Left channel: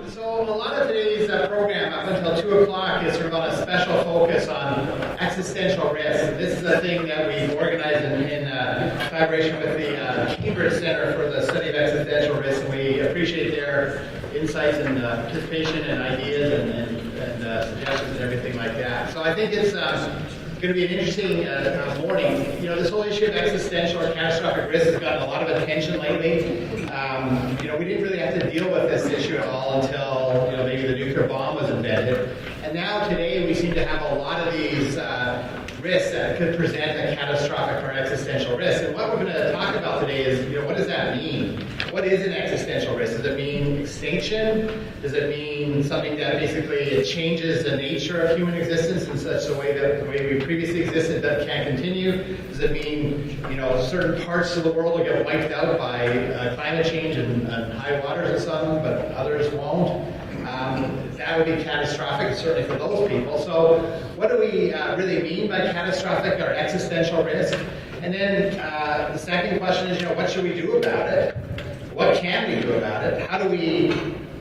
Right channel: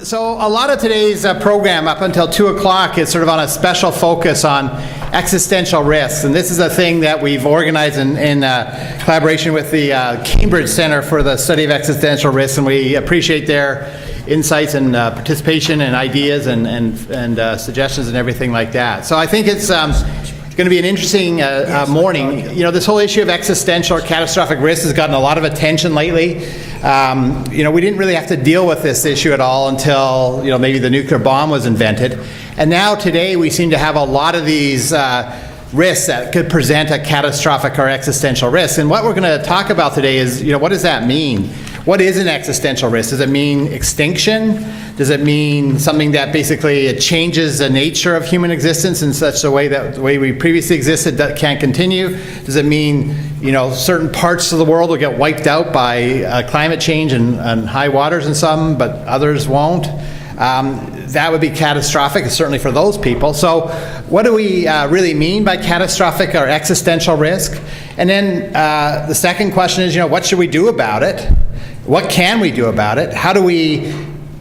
So a lot of today's program up until 2 o'clock is sort of on a special focus on existential risks. And this is a thing that we've organized in collaboration with the Cambridge Center for the Study of Existential Risks. And we appreciate their insights and participation and ideas and suggestions and everything like that. So I think it's going to be an interesting morning. You know, this whole issue of existential or catastrophic risk has gotten a lot of attention lately. You know, we didn't really have to deal with this issue at all until, you know, maybe the nuclear bomb was invented. And now today we seem to have a lot of these risks that could present a catastrophic or existential risk. And what we're going to talk about today is, you know, what does that mean? What is an existential risk? Does it mean extinction? Does it mean something that basically it changes the nature of human existence in such a way that the way we previously existed that can't continue? Does it mean, you know, certain parts of the world will get wiped out by climate change and high waters in some, but others won't? That would be catastrophic, certainly for those people. So what do we really mean by catastrophic or existential risk? And then the second question is, you know, what should we do about it? What can we do about it? How do we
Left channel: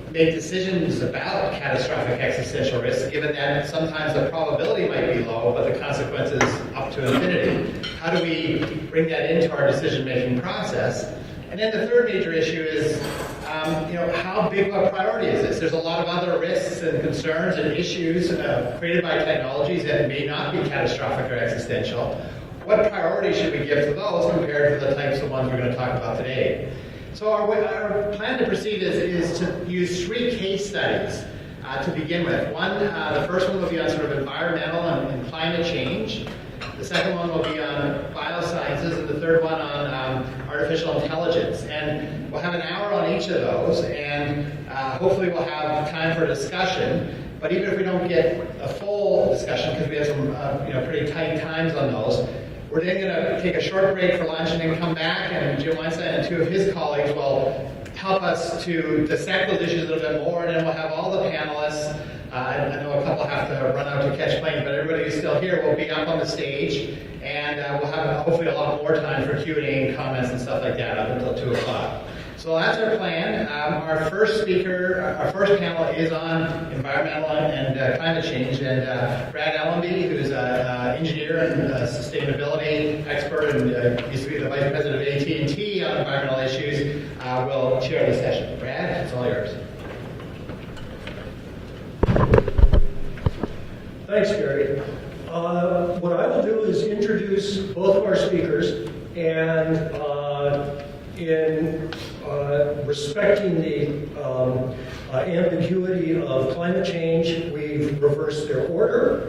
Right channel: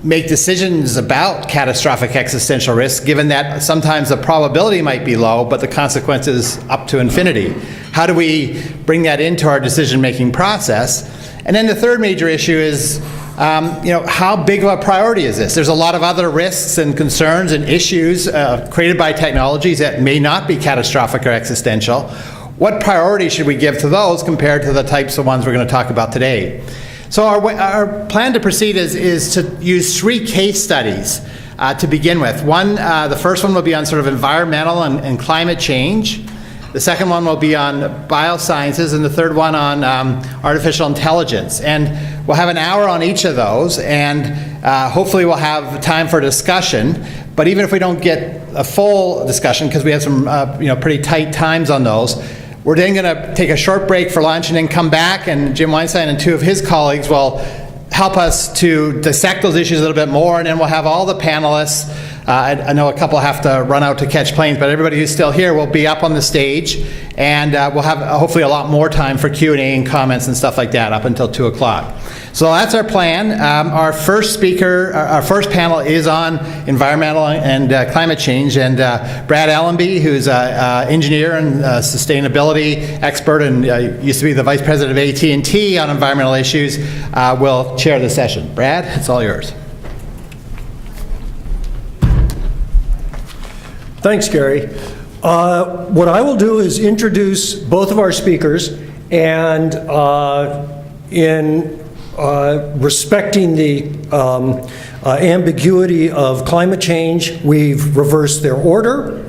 make decisions about catastrophic existential risk, given that sometimes the probability might be low, but the consequences up to infinity? How do we bring that into our decision-making process? And then the third major issue is, you know, how big of a priority is this? There's a lot of other risks and concerns and issues created by technologies that may not be catastrophic or existential. What priority should we give to those compared to the types of ones we're going to talk about today? So our plan to proceed is to use 3 case studies to begin with. The first one will be on sort of environmental and climate change. The second one will be on biosciences, and the third one on artificial intelligence. And we'll have an hour on each of those, and hopefully we'll have time for discussion. But even if we don't get a full discussion, because we have some you know, pretty tight times on those, we're then going to take a short break for lunch and then come back, and Jim Weinstein and 2 of his colleagues will help us to dissect those issues a little bit more, and then we'll have all the panelists. I know a couple have to run out to catch planes, but everybody who's still here will be up on the stage, and we'll have hopefully a lot more time for Q&A and comments and stuff like that up until 2 o'clock. So that's our plan. Our first speaker, our first panel is on environmental and climate change, and Brad Allenby, who's an engineer and sustainability expert and used to be the vice president of AT&T on environmental issues, will chair the session. Brad, it's all yours. Thanks, Gary. What I will do is introduce both of our speakers, and in respecting the ambiguity of climate change, we've reversed their order.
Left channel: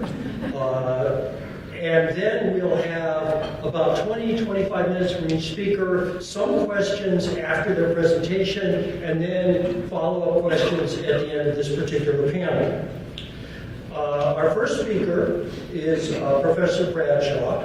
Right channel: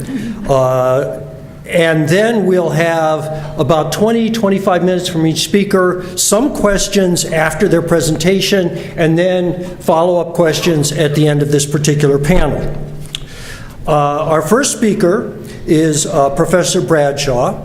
And then we'll have about 20-25 minutes from each speaker, some questions after their presentation, and then follow-up questions at the end of this particular panel. Our first speaker is Professor Bradshaw.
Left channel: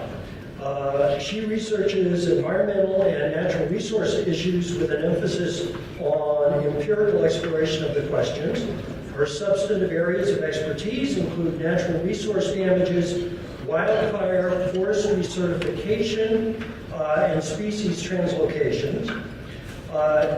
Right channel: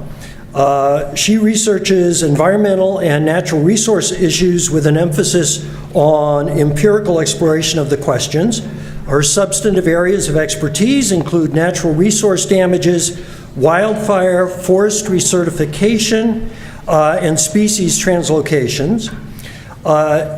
She researches environmental and natural resource issues with an emphasis on empirical exploration of the questions. Her substantive areas of expertise include natural resource damages, wildfire, forestry certification, and species translocations.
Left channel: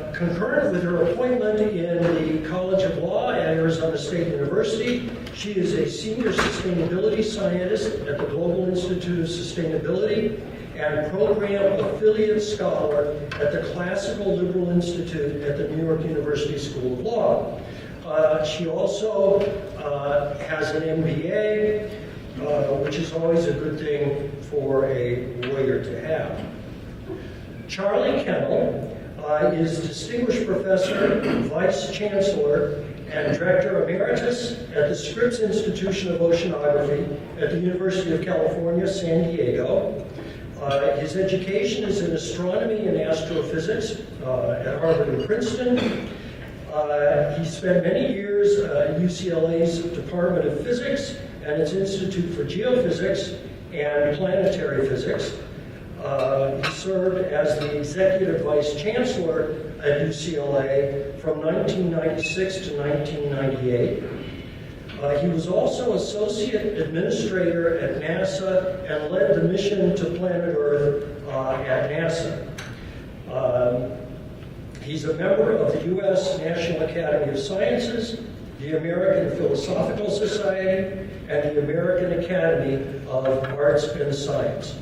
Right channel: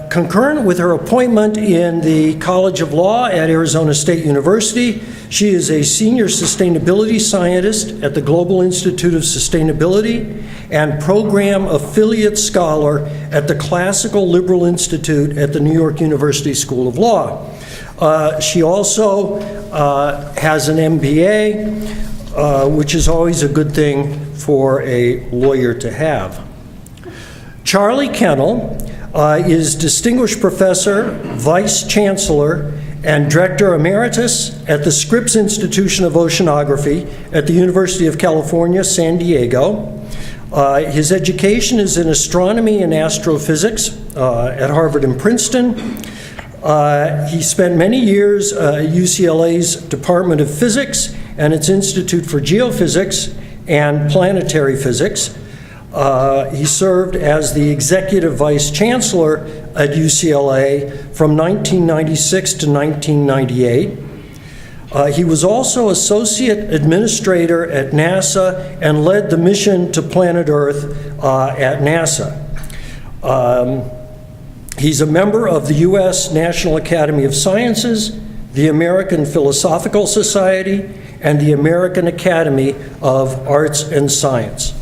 Concurrent with her appointment in the College of Law at Arizona State University, she is a senior sustainability scientist at the Global Institute of Sustainability and program affiliate scholar at the Classical Liberal Institute at the New York University School of Law. She also has an MBA, which is always a good thing for a lawyer to have. Charlie Kennel is Distinguished Professor, Vice Chancellor, and Director Emeritus at the Scripps Institution of Oceanography at the University of California, San Diego. His education is in astronomy and astrophysics at Harvard and Princeton. He spent many years at UCLA's Department of Physics and its Institute for Geophysics and Planetary Physics. He served as the Executive Vice Chancellor at UCLA from 1996 to 1998. He was also Associate Administrator at NASA and led the mission to planet Earth at NASA. He's a member of the U.S. National Academy of Sciences, the American Philosophical Society, and the American Academy of Arts and Science.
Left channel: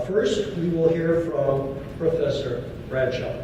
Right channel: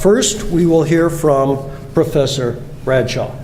First, we will hear from Professor Bradshaw.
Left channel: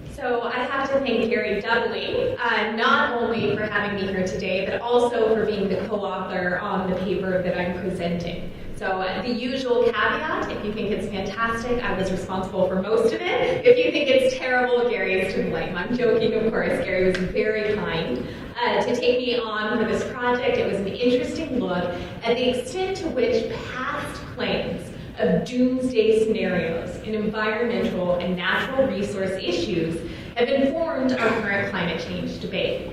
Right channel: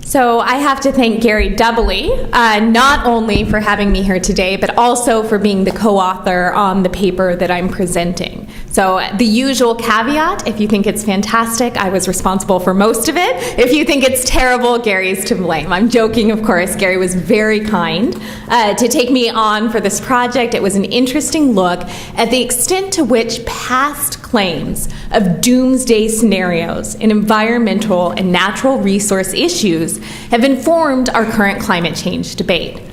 So I have to thank Gary doubly, not only for having me here today, but also for being the co-author on the paper that I'm presenting. So the usual caveat, if you think it's fantastic, I was responsible for most of it. If you think it's terrible, Gary's to blame. I'm joking, of course. Gary was very kind to take me on for this project. It was an interesting look at the extent to which past claims of doomsday scenarios in environmental and natural resource issues have informed our current climate change debate.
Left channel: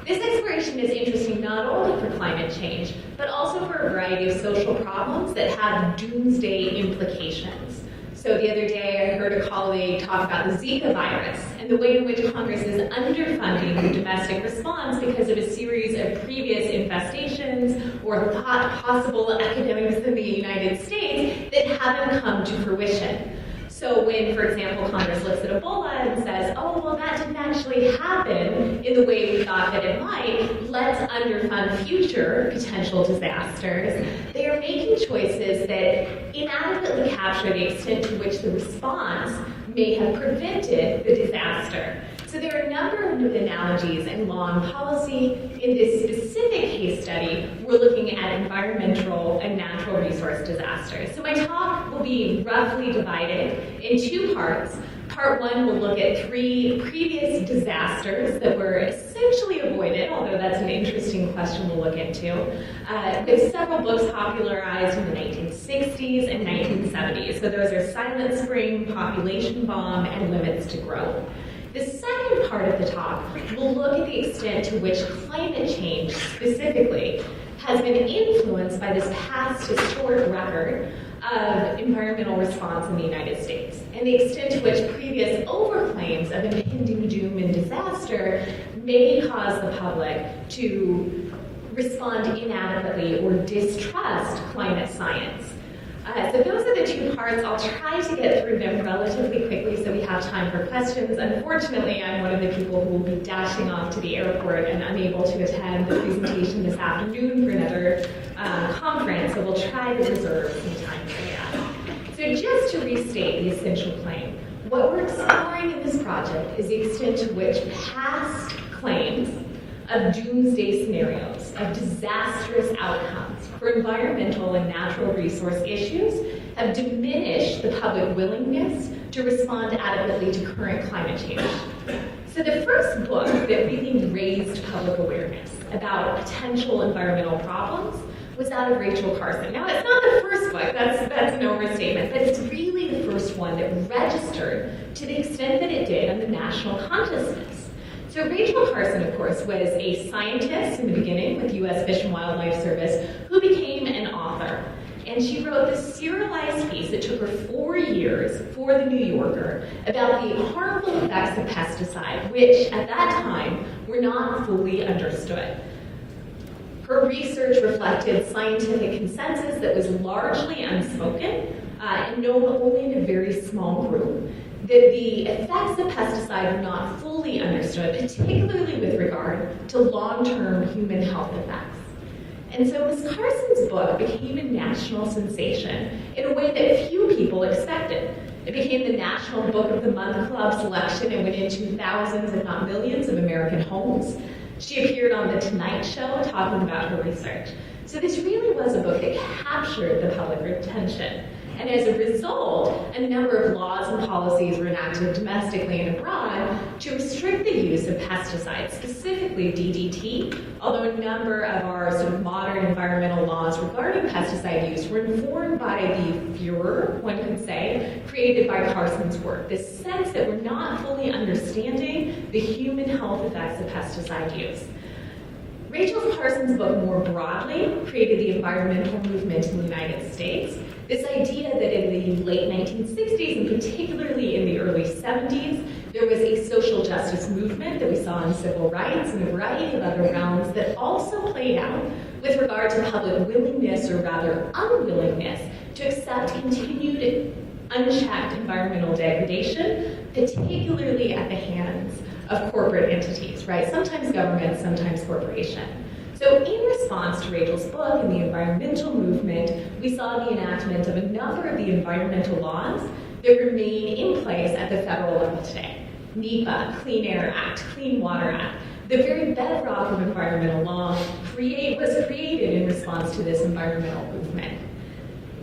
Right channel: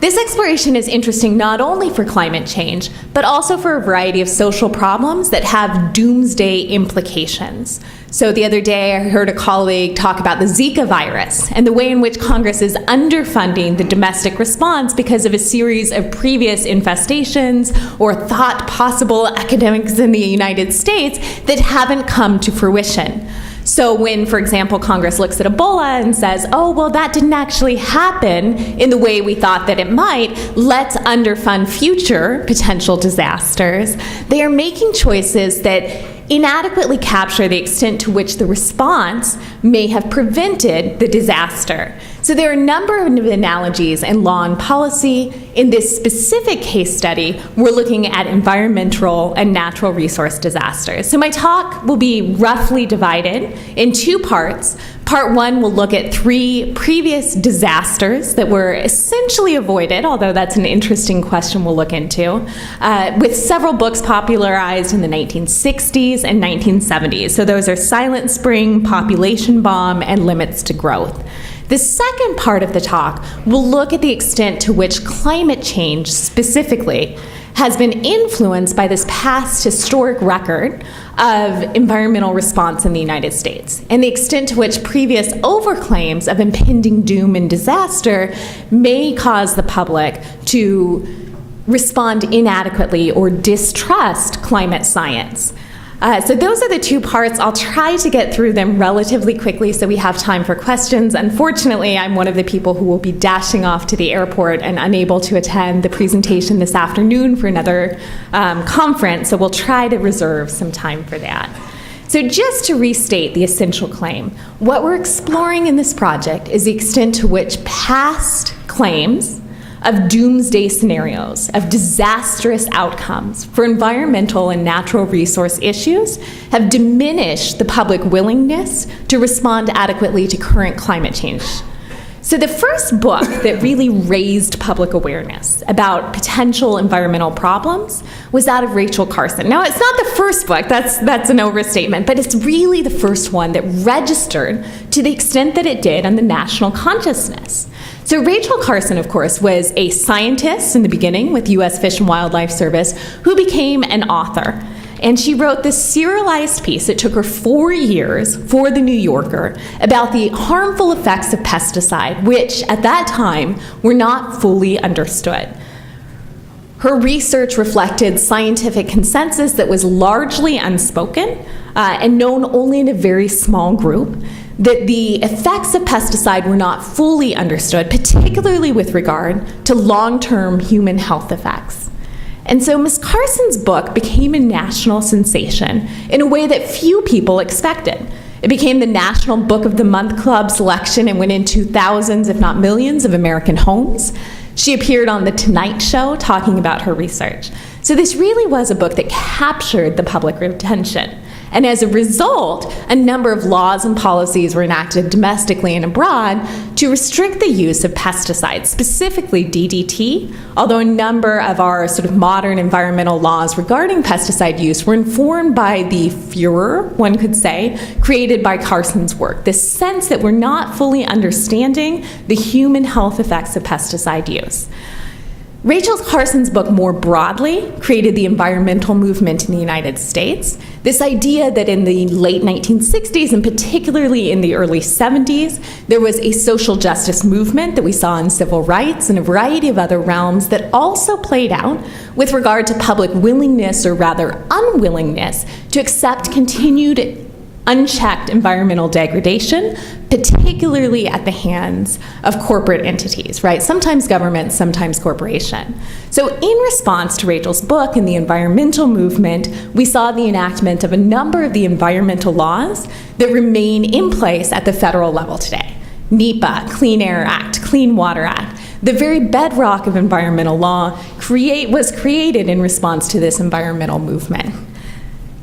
This exploration is interesting not only for climate change, but also for a variety of social problems that have doomsday implications. So the other day I heard a colleague talk about the Zika virus and the way in which Congress is underfunding the domestic response because of a series of previous infestations or thought possible epidemics in the United States that haven't come to fruition. So when, for example, Congress looks at Ebola and says, oh, well, that didn't actually happen in the way we thought that it might, let's underfund future potential disasters, they are making choices that inadequately capture the extent to which the response may have prevented the disaster. So there are a number of analogies in law and policy. In this specific case study, we're looking at environmental and natural resource disasters. So my talk will be roughly divided in two parts. Part one will look at 3 previous disasters that were essentially avoided, although that's an interesting question we'll look into, with several books popularized in the 1960s and 1970s. So those are Silent Spring, Population Bomb, and Limits to Growth. The second part of the talk will look at the extent to which climate change specifically has been influenced by this past historic record of environmental response in the United States and the extent to which previous overclaims of impending doom and disaster may cause the public to respond inadequately or distrust climate science. So those are the 2 parts. I'll try to get through them relatively quickly so we have time for questions. Unfortunately, I'm one of the people who will be dashing off to the airport and unable to attend the presentation this afternoon for another conference, so we'll try to reserve some time for that. So just to restate the essential claim, what we're exploring in this project is the extent to which past claims of doomsday scenarios, of disastrous outcomes for environmental and natural resource issues have diminished the public willingness to respond adequately to current climate change. So the first book that really raised public awareness about potential environmental problems was that of Rachel Carson. Now, it's not the first book, that's an overstatement, but it's really the first one that registered to the extent that it did on the national consciousness. So Rachel Carson, of course, was a scientist in the beginning with U.S. Fish and Wildlife Service who became an author. And she wrote this serialized piece. It took her 4 years for The New Yorker about the harmful effects of pesticide, which at that time were not fully understood. Her research reflected scientific consensus that was largely unspoken and known only in a very small group, that the effects of pesticide were not fully understood, particularly with regard to long-term human health effects. And so Ms. Carson's book became a national sensation in a way that few people expected. It became the National Book of the Month Club selection and went into thousands, if not millions, of American homes. She appeared on The Tonight Show talking about her research. So this really was a book that captured the public attention. And as a result, a number of laws and policies were enacted domestically and abroad to restrict the use of pesticides, specifically DDT, although a number of our sort of modern environmental laws regarding pesticide use were informed by the furor, one could say, created by Carson's work, this sense that we're not fully understanding the human health effects of pesticide use. Rachel Carson's book more broadly created the environmental movement in the United States. This idea that in the late 1960s and particularly in the early 70s, there was a social justice movement that we saw in civil rights and a variety of other realms that also played out with regard to public willingness, or rather unwillingness, to accept continued unchecked environmental degradation, particularly at the hands of corporate entities, right? Sometimes government, sometimes corporation. So in response to Rachel's book and the environmental movement, we saw the enactment of a number of the environmental laws that remain in place at the federal level today. NEPA, Clean Air Act, Clean Water Act. The very bedrock of environmental law was created in response to this environmental movement.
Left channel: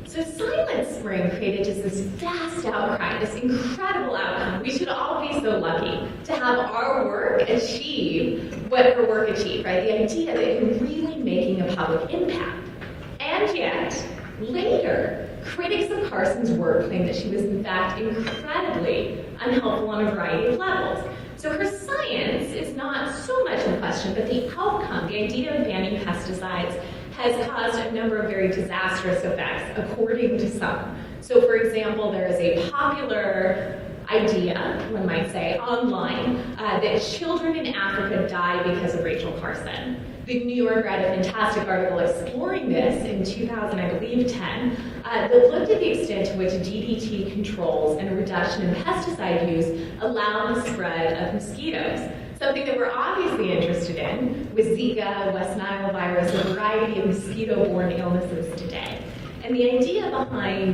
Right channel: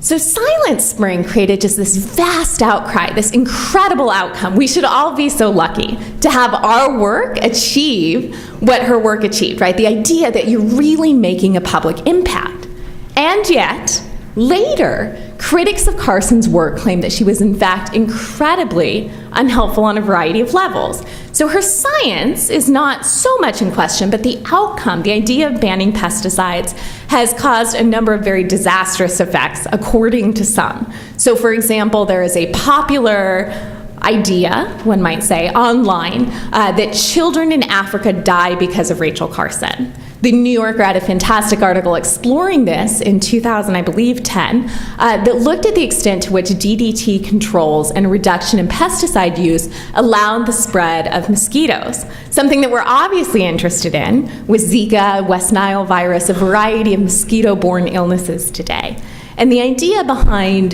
So Silent Spring created just this vast outcry, this incredible outcome. We should all be so lucky to have our work achieve what her work achieved, right? The idea that you're really making a public impact. And yet, later, critics of Carson's work claimed that she was in fact incredibly unhelpful on a variety of levels. So her science is not so much in question, but the outcome, the idea of banning pesticides, has caused a number of very disastrous effects, according to some. So for example, there is a popular idea, one might say, online, that children in Africa die because of Rachel Carson. The New Yorker had a fantastic article exploring this in 2000, I believe, 10, that looked at the extent to which DDT controls and reduction in pesticide use allowed the spread of mosquitoes. Something that we're obviously interested in was Zika, West Nile virus, a variety of mosquito-borne illnesses today. And the idea behind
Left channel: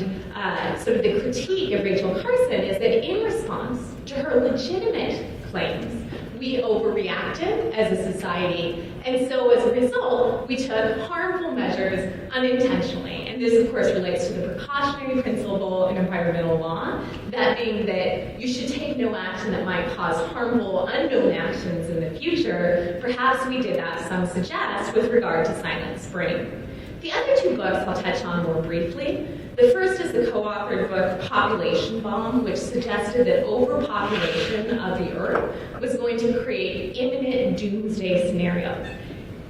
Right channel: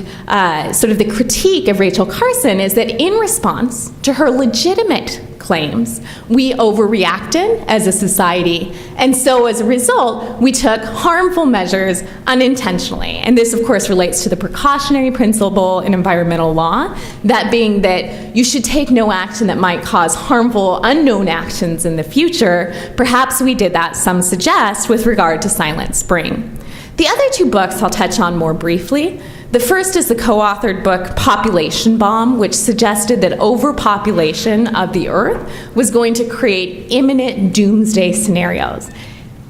sort of the critique of Rachel Carson is that in response to her legitimate claims, we overreacted as a society, and so as a result, we took harmful measures unintentionally. And this, of course, relates to the precautionary principle in environmental law, that being that you should take no action that might cause harmful, unknown actions in the future. Perhaps we did that, some suggest, with regard to Silent Spring. The other two books I'll touch on more briefly. The first is the co-authored book Population Bomb, which suggested that overpopulation of the Earth was going to create imminent doomsday scenarios.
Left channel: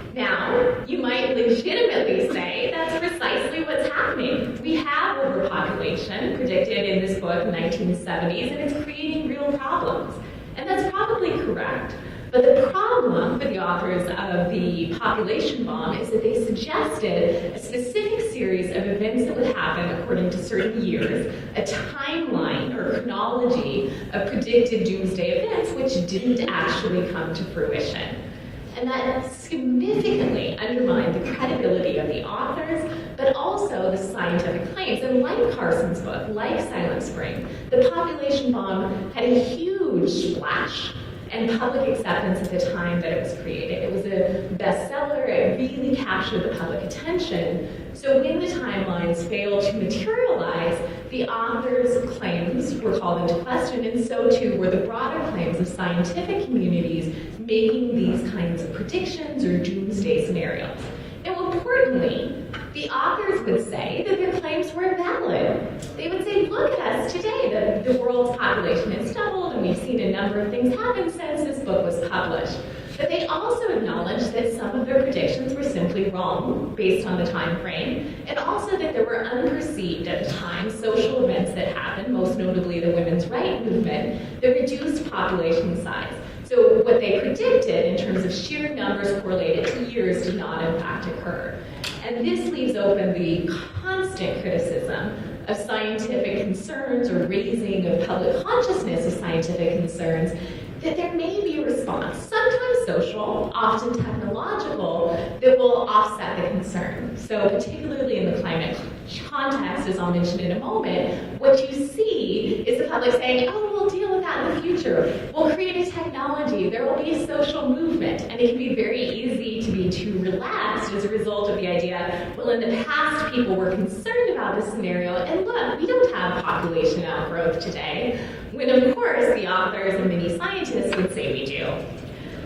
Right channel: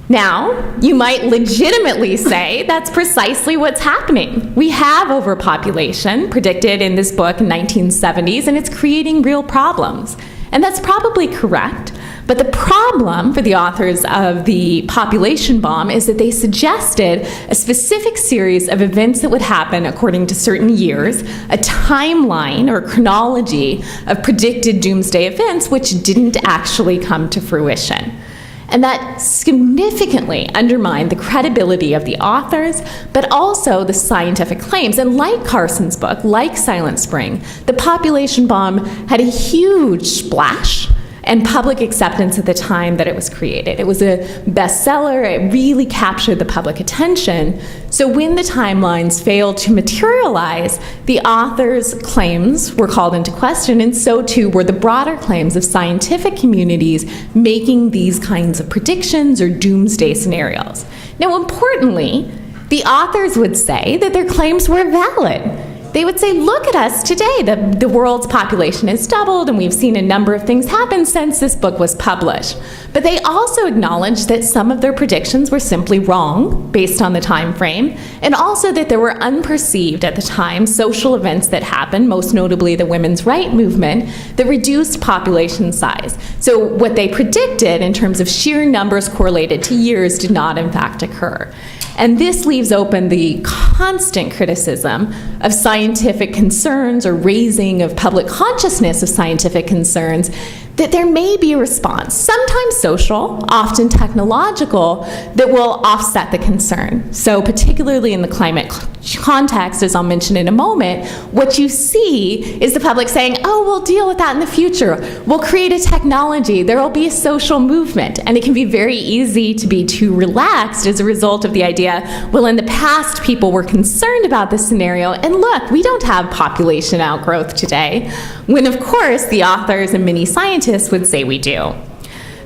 Now, you might legitimately say that's precisely what's happening. We have overpopulation predicted in this book in 1970s, and it's creating real problems. And that's probably correct. But the problem for the authors of the Population Bomb is that they suggested a specific series of events that would happen according to certain years, a timeline or chronology of predicted doomsday events which didn't actually come to fruition. And that significantly undermined the credibility of the authors, but also the scientific claims. And like Carson's book, like Silent Spring, the Population Bomb had a huge splash and public acceptance at the time that it was created. It was a bestseller, it really captured the public attention. So when the timelines failed to materialize, the authors' claims were called into question, and so too were the broader claims of scientific communities making these kinds of predictions or doomsday scenarios. Now, importantly, the authors would say that their claims were valid. They would say, look at us today. The world's population has doubled, and we've seen a number of things happen since this book was published. But they also acknowledged that some of their predictions were simply wrong based on the time frame, and also that there were unperceived at the time social events that happened, most notably the women's rights movement, that reduced population size. So what they predicted in terms of sheer numbers correlated to years did not in fact occur. And this leaves open the constant criticism of scientific concerns or raising of public consciousness of scientific concerns that there may be a response, sometimes social, often technological, that will offset the concern. So particularly in the climate context, as I'll mention in a moment, what you see is the public saying, oh, we'll deal with that in the future. We'll create a technology. There will be a social movement. And it can be very easy to be too relaxed as a result of the idea, well, in the past, people were concerned about this scenario, and look, we don't have population outgrowth today, when of course the authors and many scientists would say we do.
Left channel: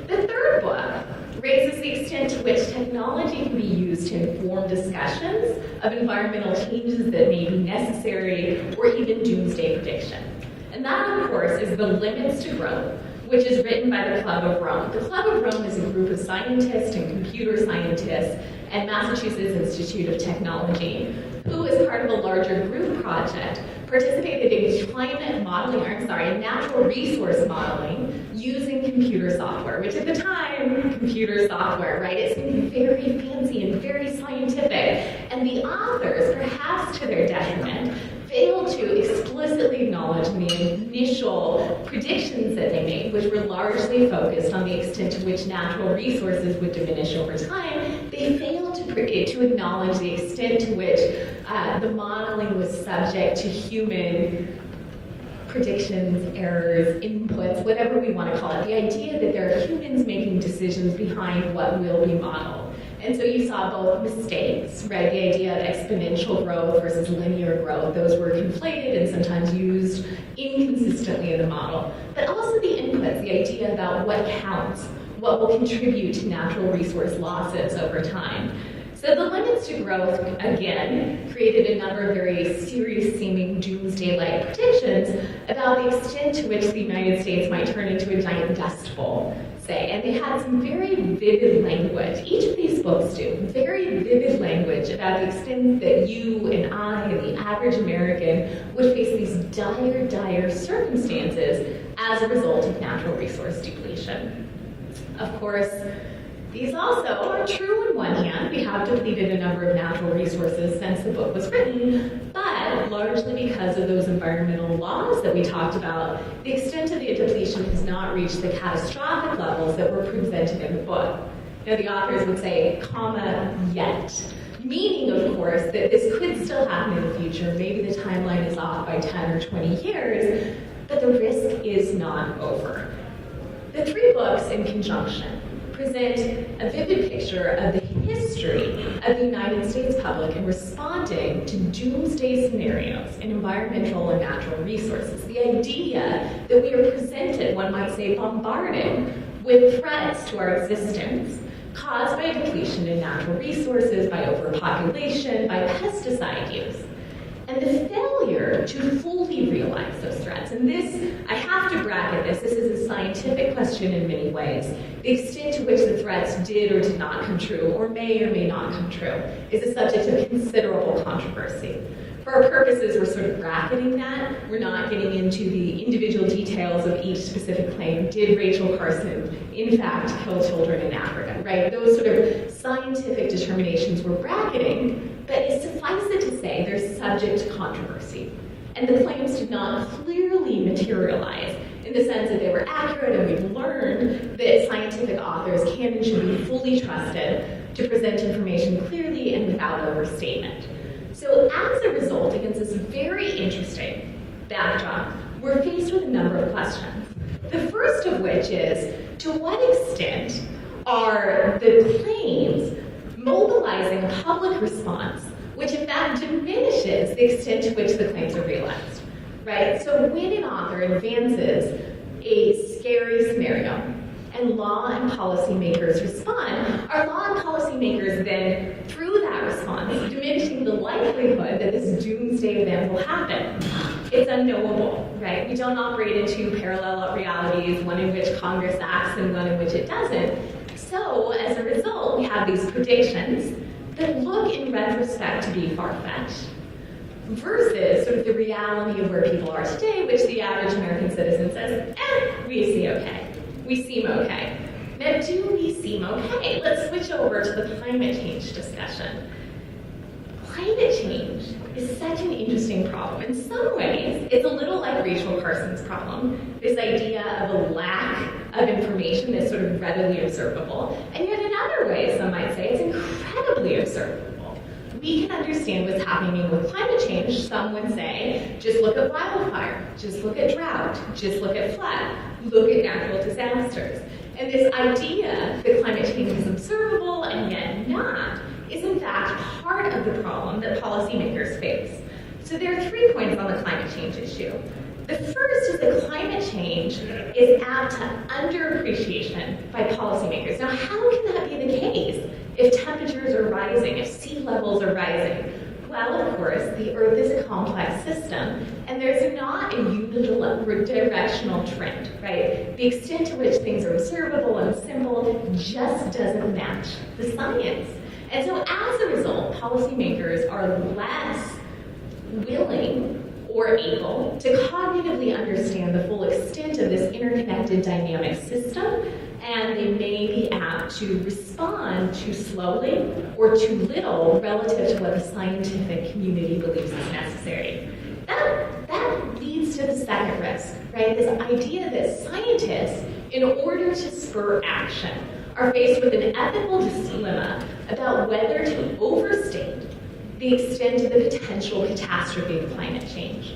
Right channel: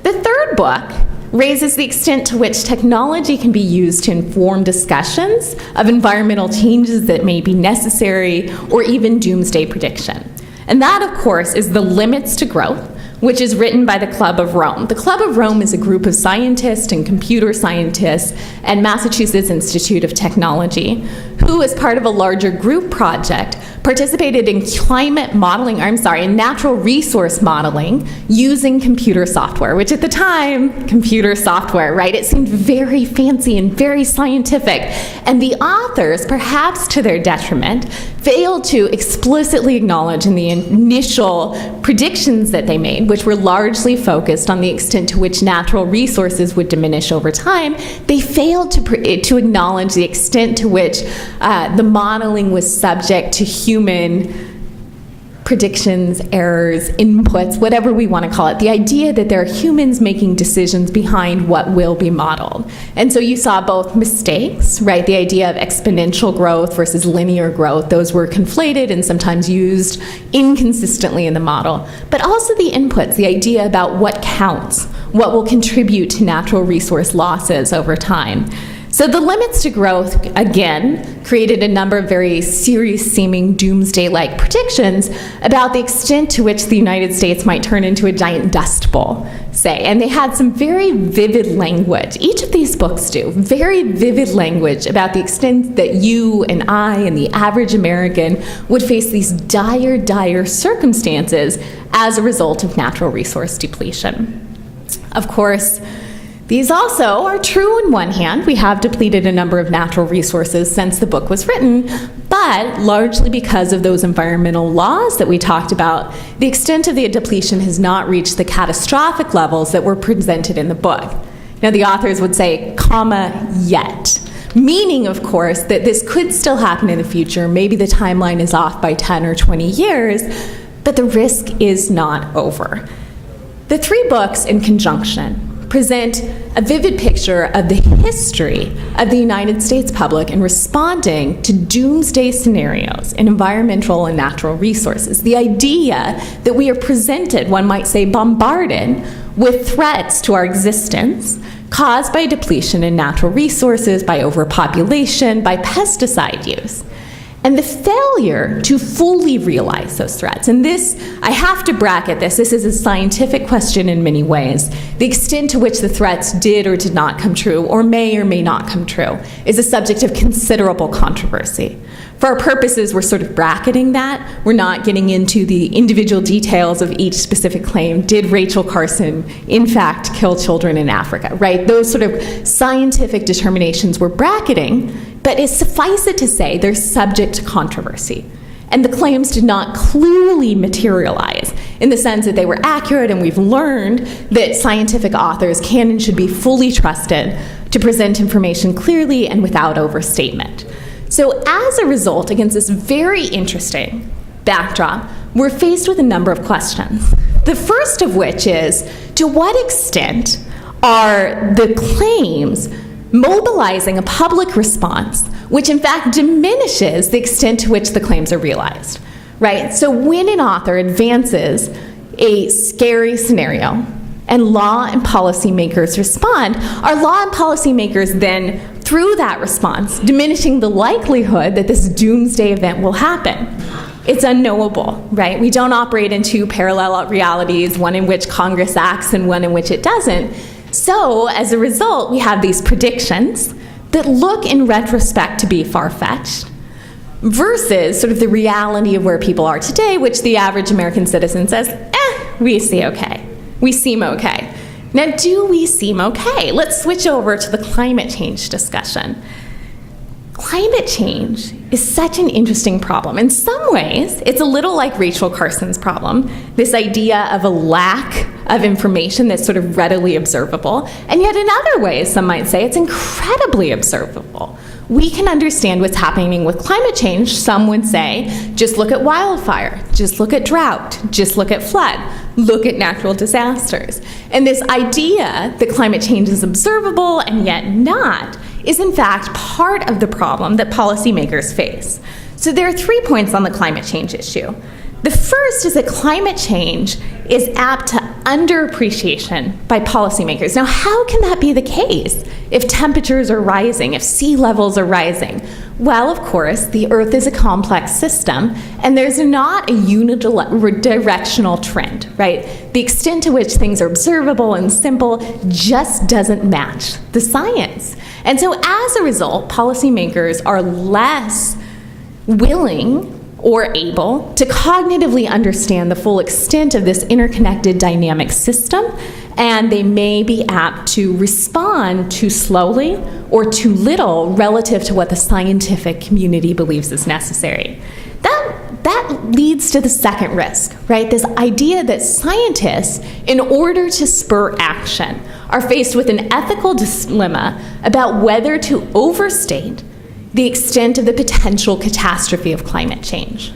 The third book raises the extent to which technology can be used to inform discussions of environmental changes that may be necessary or even doomsday prediction. And that, of course, is The Limits to Growth, which is written by the Club of Rome. The Club of Rome is a group of scientists and computer scientists and Massachusetts Institute of Technology who, as part of a larger group project, participated in in natural resource modeling using computer software, which at the time, computer software, right? It seemed very fancy and very scientific. And the authors, perhaps to their detriment, failed to explicitly acknowledge in the initial predictions that they made, which were largely focused on the extent to which natural resources would diminish over time. They failed to acknowledge the extent to which the modeling was subject to human predictions, errors, inputs, whatever we want to call it. The idea that there are humans making decisions behind what will be modeled. And so you saw both mistakes, right? The idea of exponential growth versus linear growth, those were conflated and sometimes used inconsistently in the model. But also the inputs, the idea about what counts, what will contribute to natural resource losses over time. So the limits to growth, again, created a number of very serious-seeming doomsday-like predictions about the extent to which the United States might turn into a giant dust bowl, say. And they had some very vivid language. Each of these books do. Very vivid language about the extent that you and I and the average American would face these dire, dire circumstances as a result of natural resource depletion. Of course, these also are true in one hand. We have depleted a number of natural resources since the book was written, but largely because of those environmental laws that we talked about, the extent of the depletion has not reached the catastrophic levels that were presented in the book. Now, the authors would say, comma, yet. Meaning, of course, that this could still happen in the future. Maybe the timeline is off by 10 or 20 years, but the risk is not over. The three books in conjunction present a vivid picture of the history of the United States public in responding to doomsday scenarios in environmental and natural resources. The idea that we are presented, one might say bombarded, with threats to our existence caused by depletion in natural resources, by overpopulation, by pesticide use. And the failure to fully realize those threats. And this, I have to bracket this. This is a scientific question in many ways. The extent to which the threats did or did not come true, or may not come true, is a subject of considerable controversy. For our purposes, we're sort of bracketing that. We're not getting into the individual details of each specific claim. Did Rachel Carson, in fact, kill children in Africa, right? Those sort of scientific determinations we're bracketing, but suffice it to say they're subject to controversy. And the claims did not clearly materialize in the sense that they were accurate, and we've learned that scientific authors can and should be fully trusted to present information clearly and without overstatement. So as a result, against this very interesting backdrop, we're faced with a number of questions. The first of which is, to what extent are the claims mobilizing a public response which in fact diminishes the extent to which the claims are realized, right? So when an author advances a scary scenario and law and policymakers respond, are law and policymakers then, through that response, diminishing the likelihood that this doomsday event will happen? It's unknowable, right? We don't operate in two parallel realities, one in which Congress acts and one in which it doesn't. So, as a result, we have these predictions that look in retrospect to be far-fetched versus sort of the reality of where people are today, which the average American citizen says, we see okay. We seem okay. Now, do we seem okay? Let's switch over to the climate change discussion. Climate change is such an interesting problem. In some ways, it's a little like Rachel Carson's problem, this idea of a lack of information that's sort of readily observable. And yet in other ways, some might say it's incredibly observable. We can understand what's happening with climate change. Some would say, just look at wildfire, just look at drought, just look at flood, look at natural disasters. And this idea that climate change is observable and yet not is in fact part of the problem that policymakers face. So there are 3 points on the climate change issue. The first is that climate change is apt to underappreciation by policymakers. Now, how can that be the case if temperatures are rising, if sea levels are rising? Well, of course, the Earth is a complex system, and there's not a unidirectional trend, right? The extent to which things are observable and simple just doesn't match the science. And so as a result, policymakers are less willing or able to cognitively understand the full extent of this interconnected dynamic system, and they may be apt to respond too slowly or too little relative to what the scientific community believes is necessary. That leads to the second risk, right? This idea that scientists, in order to spur action, are faced with an ethical dilemma about whether to overstate the extent of the potential catastrophe of climate change.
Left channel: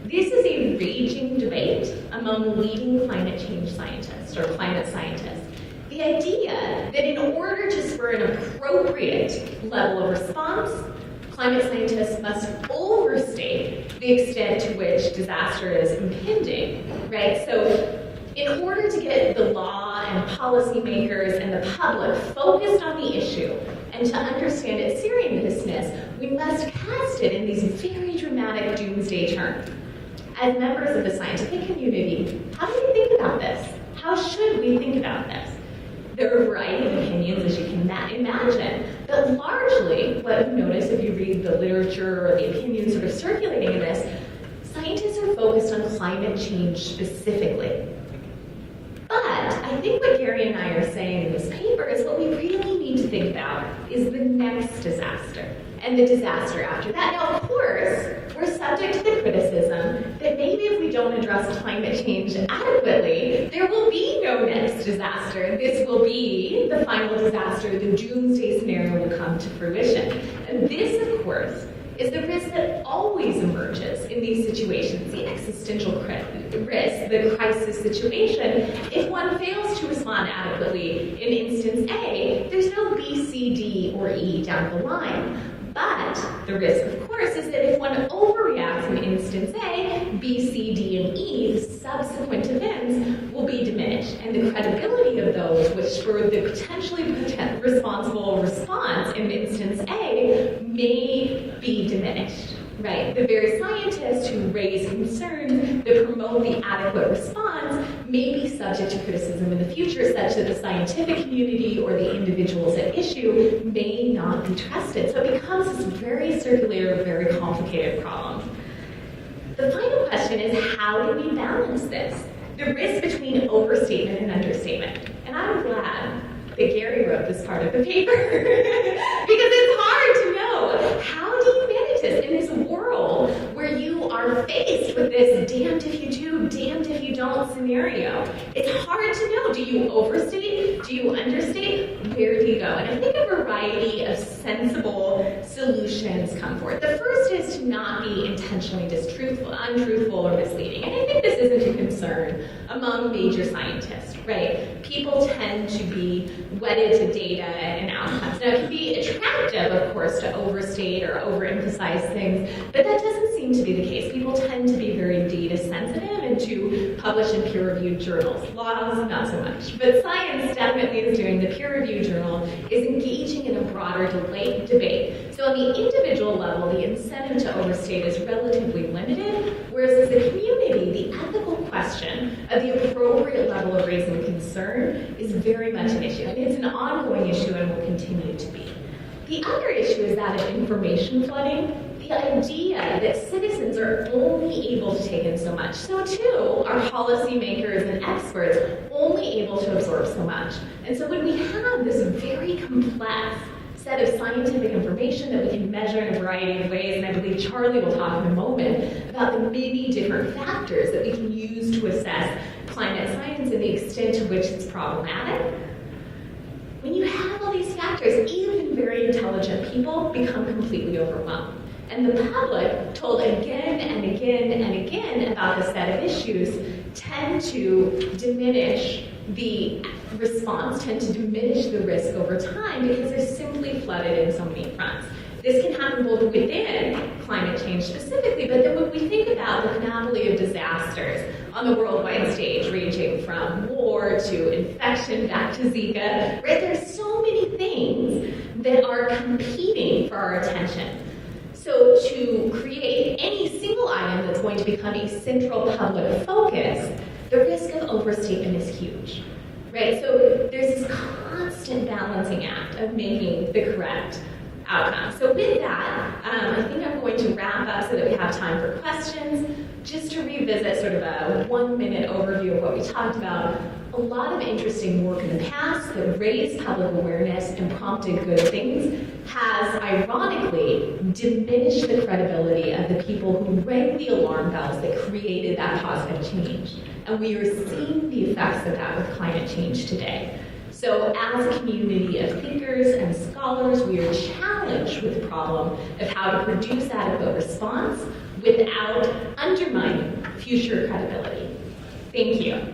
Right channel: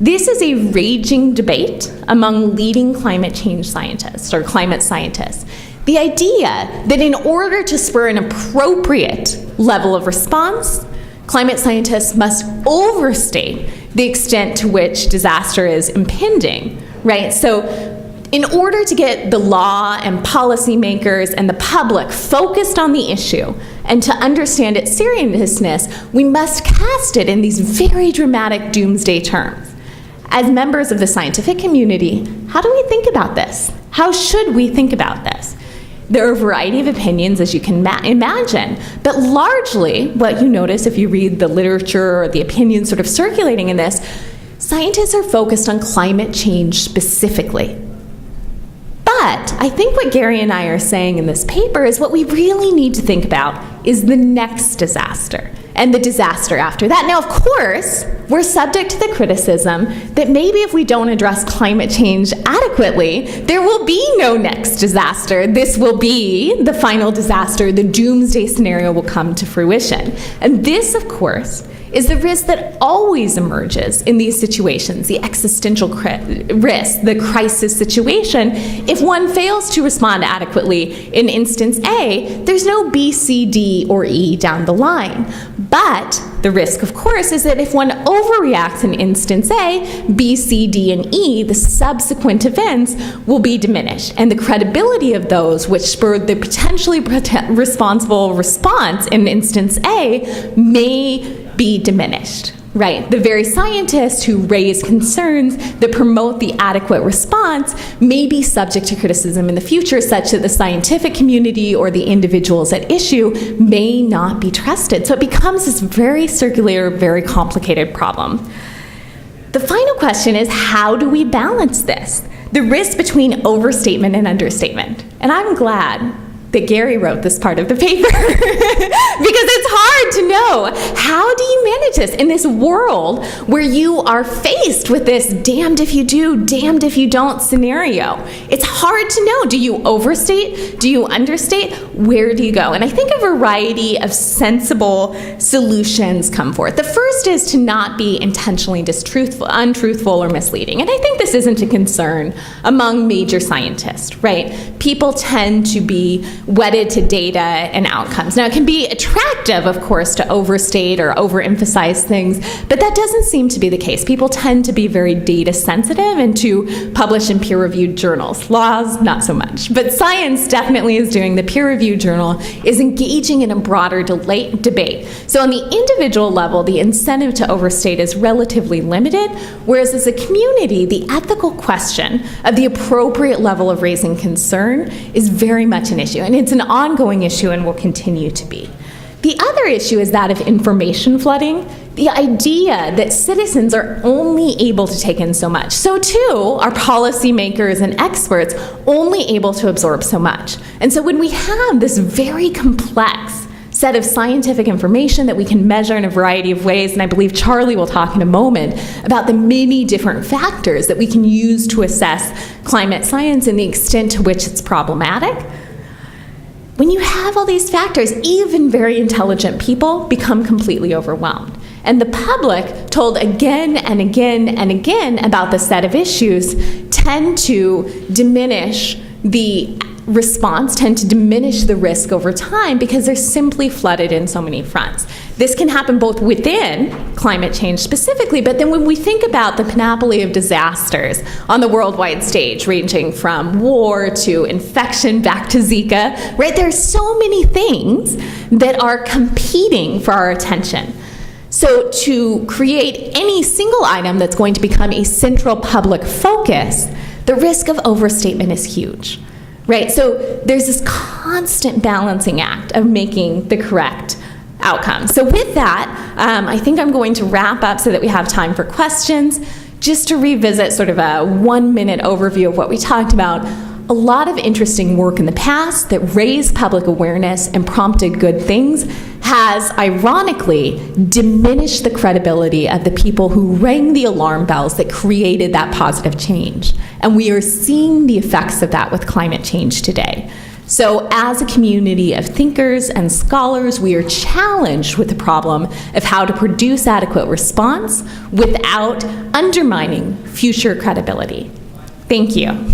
This is a raging debate among leading climate change scientists or climate scientists. The idea that in order to spur an appropriate level of response, climate scientists must overstate the extent to which disaster is impending, right? So in order to get the law and policymakers and the public focused on the issue and to understand its seriousness, we must cast it in these very dramatic doomsday terms. As members of the scientific community, how do we think about this? How should we think about this? There are a variety of opinions, as you can imagine, but largely what you notice if you read the literature or the opinions sort of circulating in this, scientists are focused on climate change specifically. But I think what Gary and I are saying in this paper is what we really need to think about is the next disaster and the disaster after that. Now, of course, we're subject to the criticism that maybe if we don't address climate change adequately, there will be no next disaster. This will be the final disaster. The doomsday scenario will come to fruition. And this, of course, is the risk that always emerges in these situations, the existential risk, the crisis situation. If one fails to respond adequately in instance A, there's no B, C, D, or E down the line. But the risk, of course, is that if one overreacts in instance A, B, C, D, and E, the subsequent events will be diminished. And the credibility of those which spurred the potentially responsible response in instance A may be diminished, right? The very scientists who raise concerns that promote the adequate response may be subject to criticism in the future, such that the scientific community or the individuals at issue may not be trusted. So it becomes this very circular, very complicated problem. The final question is, how do we balance this? The risk between overstatement and understatement. And I'm glad that Gary wrote this part of the paper because it's hard to know, how do you manage this in this world where you are faced with this damned if you do, damned if you don't scenario? It's hard to know. Do you overstate? Do you understate? Where do you go? And I think a variety of sensible solutions come forth. The first is to not be intentionally untruthful, or misleading. And I think this isn't a concern among major scientists, right? People tend to be wedded to data and outcomes. Now, it can be attractive, of course, to overstate or overemphasize things, but that doesn't seem to be the case. People tend to be very data sensitive and to publish in peer-reviewed journals. Laws, not so much. But science definitely is doing. The peer-reviewed journal is engaging in a broader debate. So on the individual level, the incentive to overstate is relatively limited, whereas as a community, the ethical question of the appropriate level of raising concern is very much an issue. And it's an ongoing issue and will continue to be. The other issue is that of information flooding, the idea that citizens are only able to take in so much. So too are policymakers and experts only able to absorb so much. And so when we have this very complex set of scientific information that we can measure in a variety of ways, and I believe Charlie will talk in a moment about the many different factors that we can use to assess climate science and the extent to which it's problematic. When you have all these factors, even very intelligent people become completely overwhelmed. And the public, told again and again and again about the set of issues, tend to diminish the response, tend to diminish the risk over time because they're simply flooded in so many fronts. This can happen both within climate change specifically, but then when we think about the panoply of disasters on the worldwide stage, ranging from war to infection back to Zika, right? There are so many things that are competing for our attention. So to create any single item that's going to become a central public focus, the risk of overstatement is huge, right? So there's this constant balancing act of making the correct outcome. So with that, I think I'm going to wrap up so that we have time for questions. Just to revisit sort of a 1-minute overview of what we talked about, a lot of interesting work in the past that raised public awareness and prompted good things has ironically diminished the credibility of the people who rang the alarm bells that created that positive change. And we are seeing the effects of that with climate change today. So as a community of thinkers and scholars, we are challenged with the problem of how to produce adequate response without undermining future credibility. Thank you.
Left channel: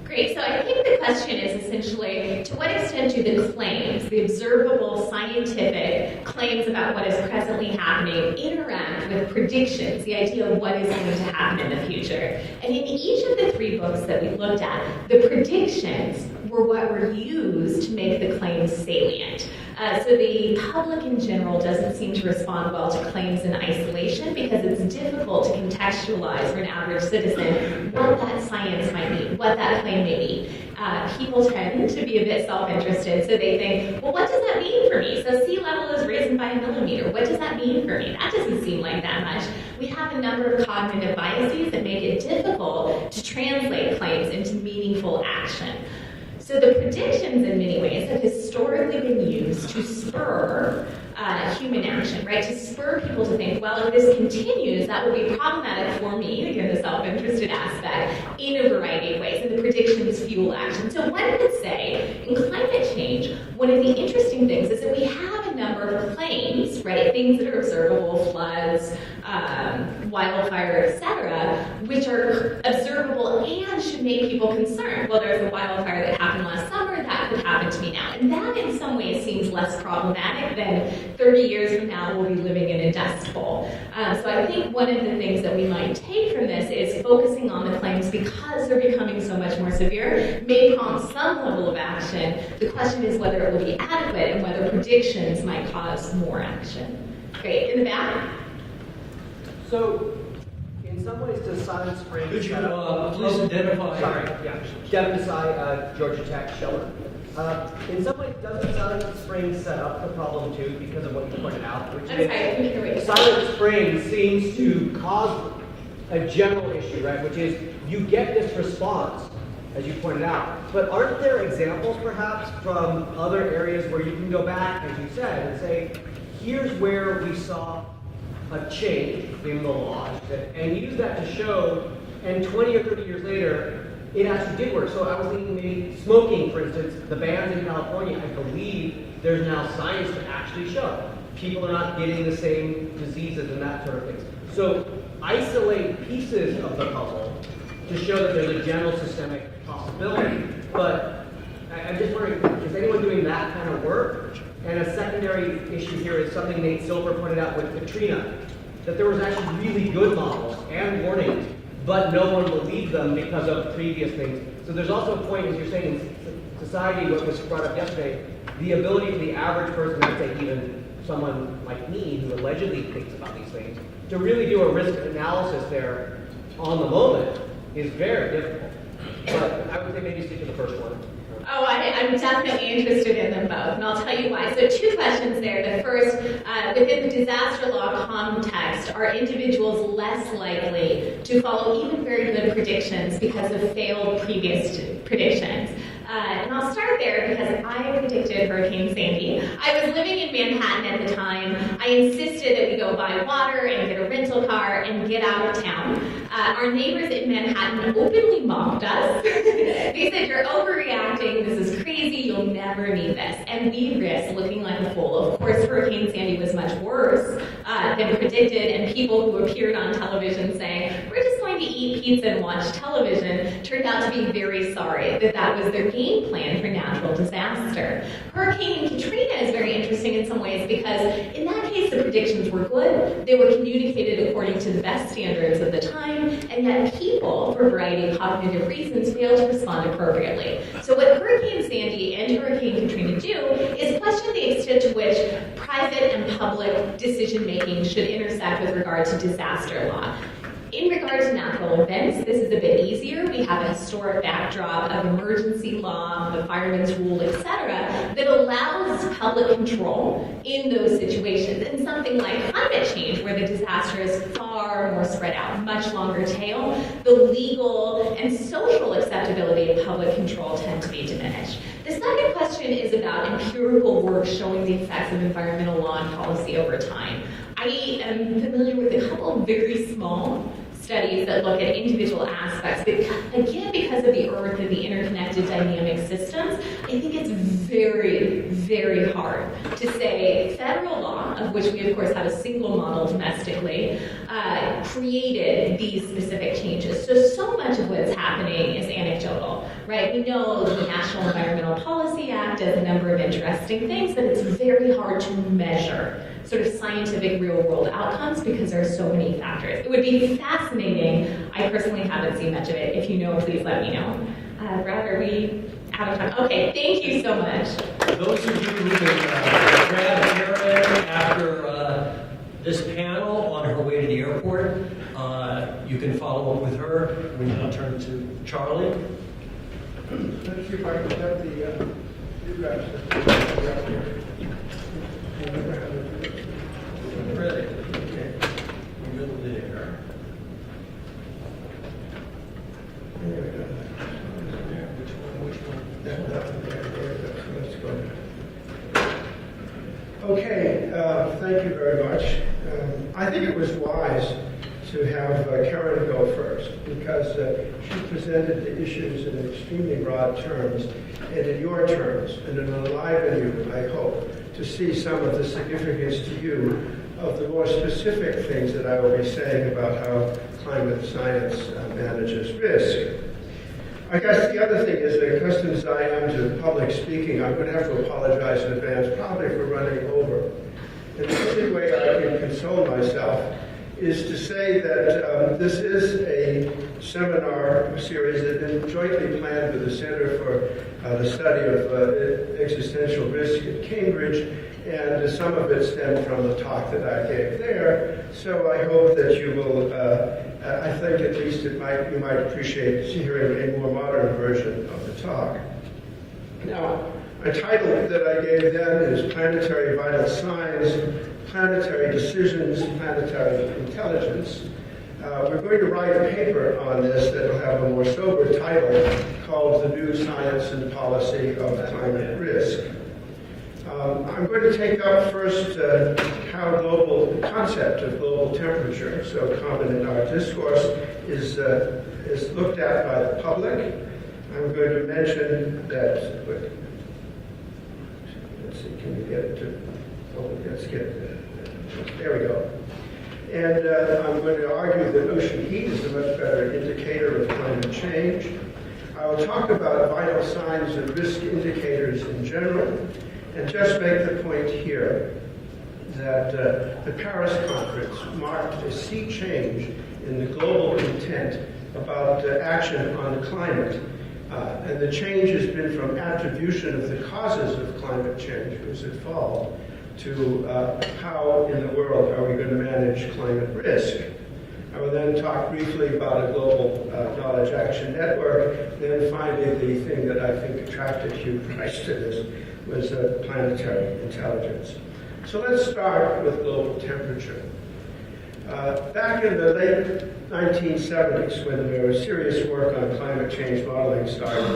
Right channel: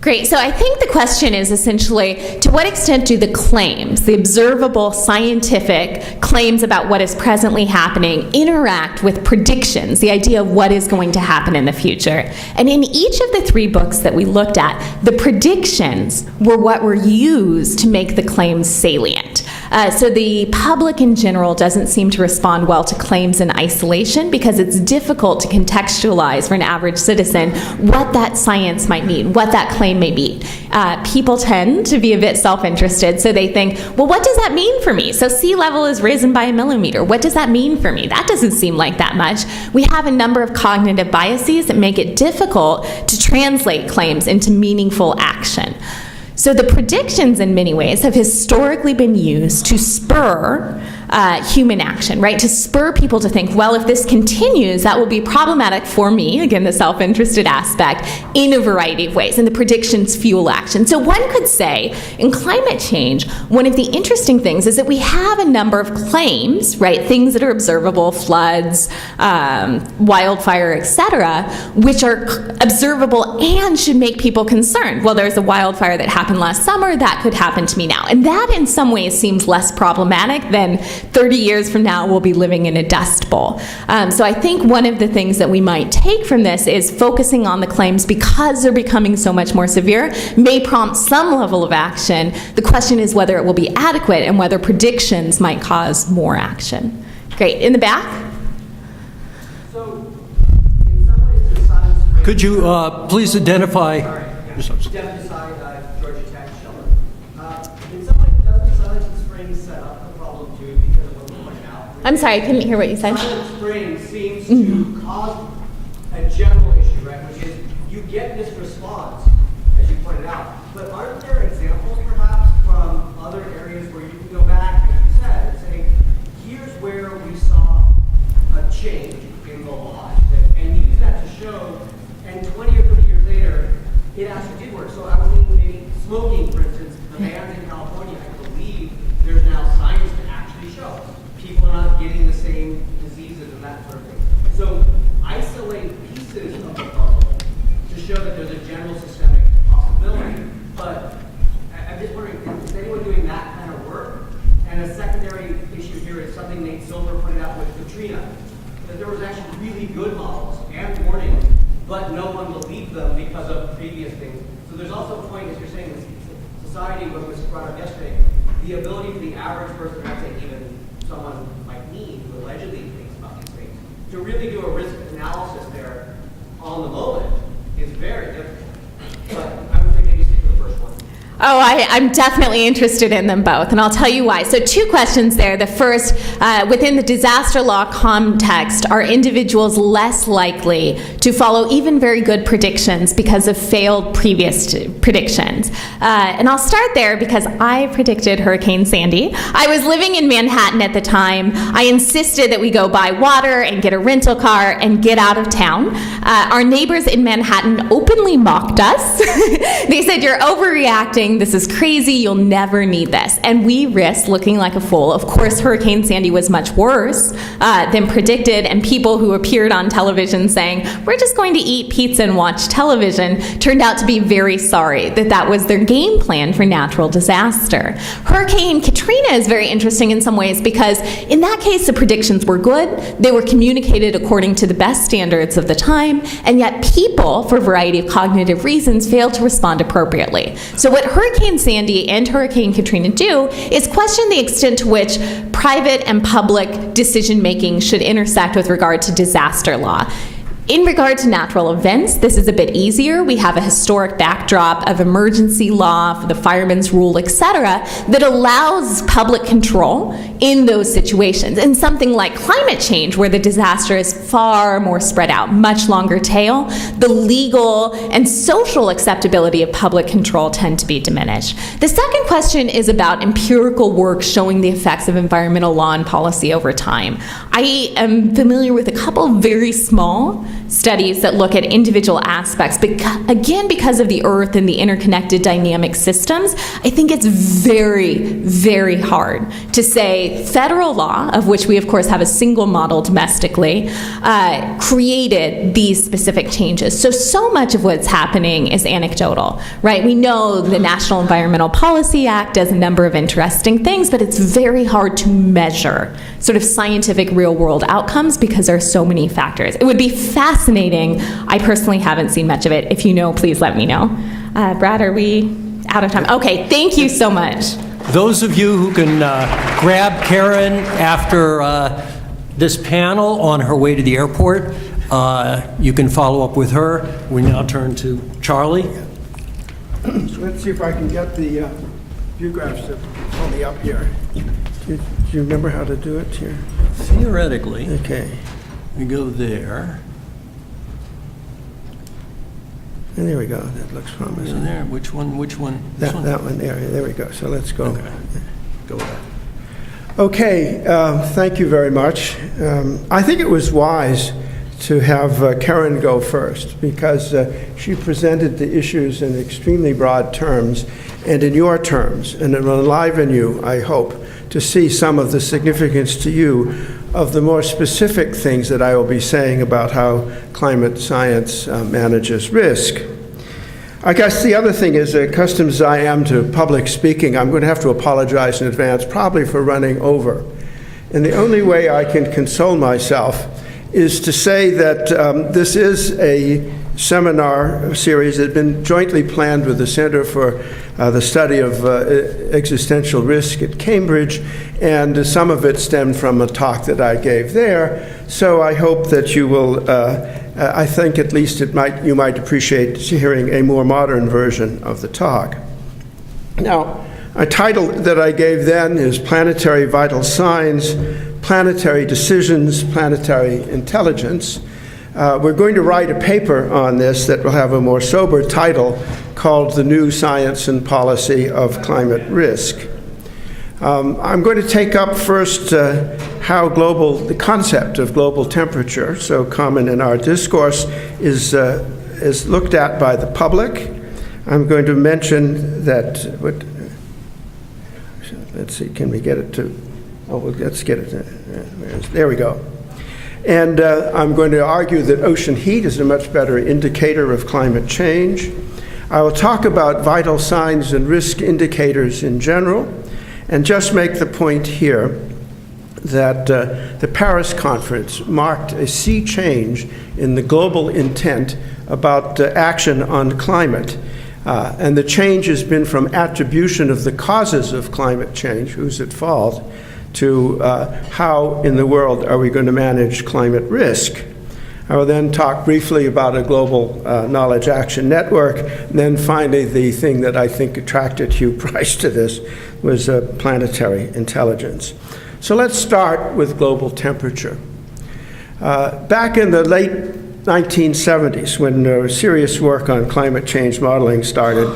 Great. So I think the question is essentially, to what extent do the claims, the observable scientific claims about what is presently happening, interact with predictions, the idea of what is going to happen in the future? And in each of the 3 books that we looked at, the predictions were what were used to make the claims salient. So the public in general doesn't seem to respond well to claims in isolation because it's difficult to contextualize for an average citizen what that science might mean, what that claim may be. People tend to be a bit self-interested, so they think, well, what does that mean for me? So sea level is risen by 1 millimeter. What does that mean for me? That doesn't seem like that much. We have a number of cognitive biases that make it difficult to translate claims into meaningful action. So the predictions, in many ways, have historically been used to spur human action, right? To spur people to think, well, if this continues, that will be problematic for me, again, the self-interested aspect, in a variety of ways, and the predictions fuel action. So one could say, in climate change, one of the interesting things is that we have a number of claims, right? Things that are observable, floods, wildfire, etc., which are observable and should make people concerned. Well, there's a wildfire that happened last summer, that could happen to me now. And that, in some ways, seems less problematic than 30 years from now we'll be living in a dust bowl. So I think one of the things that we might take from this is focusing on the claims because they're becoming so much more severe may prompt some level of action. The question is whether it will be adequate and whether predictions might cause more action. Great. In the back? So, in some ways, the silence springs... Could you please identify... Sorry, Devin Desai, Georgia Tech, Sheldon. In some ways, doesn't Silent Spring set up the problem too because of what you pointed out? I'm sorry, I couldn't hear what you said. Silent Spring seems to cause a general issue, right? Which is you get this response, as you pointed out. But aren't there examples, perhaps, from other areas where you can go back, as you said, and say, here's where we saw a change in the law, and use that to show, and 20 or 30 years later, it actually did work. So I was thinking maybe smoking, for instance, the bans in California, I believe there's now science to actually show. People are not getting the same diseases and that sort of thing. So isolate pieces of the puzzle to show that there's a general systemic possibility. But I'm just wondering, is anyone doing that kind of work? And a secondary issue here is something Nate Silver pointed out with Katrina, that there was actually really good models and warnings, but no one believed them because of previous things. So there's also a point, as you're saying, in society, what was brought up yesterday, the ability of the average person, let's say even someone like me who allegedly thinks about these things, to really do a risk analysis there on the moment is very difficult. But I would say maybe stick to the first one. Oh, I'm definitely interested in them both, and I'll tell you why. So 2 questions there. The first, within the disaster law context, are individuals less likely to follow even very good predictions because of failed previous predictions? And I'll start there because I predicted Hurricane Sandy. I was living in Manhattan at the time. I insisted that we go buy water and get a rental car and get out of town. Our neighbors in Manhattan openly mocked us. They said, "You're overreacting. warning, this is crazy, you'll never need this. And we risked looking like a fool. Of course, Hurricane Sandy was much worse than predicted, and people who appeared on television saying, we're just going to eat pizza and watch television, turned out to be very sorry that that was their game plan for natural disaster. Hurricane Katrina is very interesting in some ways because in that case, the predictions were good. They were communicated according to the best standards of the time, and yet people, for a variety of cognitive reasons, failed to respond appropriately. So what Hurricane Sandy and Hurricane Katrina do is question the extent to which private and public decision-making should intersect with regard to disaster law. In regard to natural events, this is a bit easier. We have a historic backdrop of emergency law, the fireman's rule, etc., that allows public control in those situations. In something like climate change, where the disaster is far more spread out, much longer tail, the legal and social acceptability of public control tend to be diminished. The second question is about empirical work showing the effects of environmental law and policy over time. I am familiar with a couple very small studies that look at individual aspects, but again, because of the Earth and the interconnected dynamic systems, I think it's very, very hard to say federal law, of which we of course have a single model domestically, created these specific changes. So much of what's happening is anecdotal, right? We know the National Environmental Policy Act does a number of interesting things, but it's very hard to measure sort of scientific real-world outcomes because there are so many factors. It would be fascinating. I personally haven't seen much of it. If you know, please let me know. Brad, are we out of time? Okay, thank you so much. Those of you who can grab Karen after this panel on her way to the airport, you can follow up with her. We now turn to Charlie. So let's see if I can get the view graphs to be up here. Do you remember how to do it here? Theoretically, Okay. we go there. And there we go. That looks promising. There. Which one? This one? That one there. There we go. So let's go. Okay. Go ahead. Okay. Thank you very much. I think it was wise to have Karen go first because she presented the issues in extremely broad terms and in your terms, and it will enliven you, I hope, to see some of the significance to you of the more specific things that I will be saying about how climate science manages risk. I guess the other thing is, accustomed as I am to public speaking, I'm going to have to apologize in advance, probably for running over. And the only way I can console myself is to say that this is a seminar series that had been jointly planned with the Center for the Study of Existential Risk at Cambridge, and some of it stemmed from a talk that I gave there. So I hope that you will, I think at least you might appreciate hearing a more modern version of the talk. Now, a title that I gave then is Planetary Vital Signs, Planetary Decisions, Planetary Intelligence. We're going to write a paper on this that will have a more sober title called The New Science and Policy of Climate Risk. I'm going to take up first how the concept of global temperature, so common in our discourse, is looked at by the public. I'm going to mention that, let's see, can we get it to, let's get it, there we go. And I'm going to argue that ocean heat is a much better indicator of climate change. I will talk about vital signs and risk indicators in general, and just make the point here that the Paris conference marked a sea change in the global intent about action on climate. And the change has been from attribution of the causes of climate change, who's at fault, to how in the world are we going to manage climate risk. I will then talk briefly about a global knowledge action network, and then finally the thing that I think attracted Hugh Price to this was planetary intelligence. So let's start with global temperature. Back in the late 1970s, when serious work on climate change modeling started,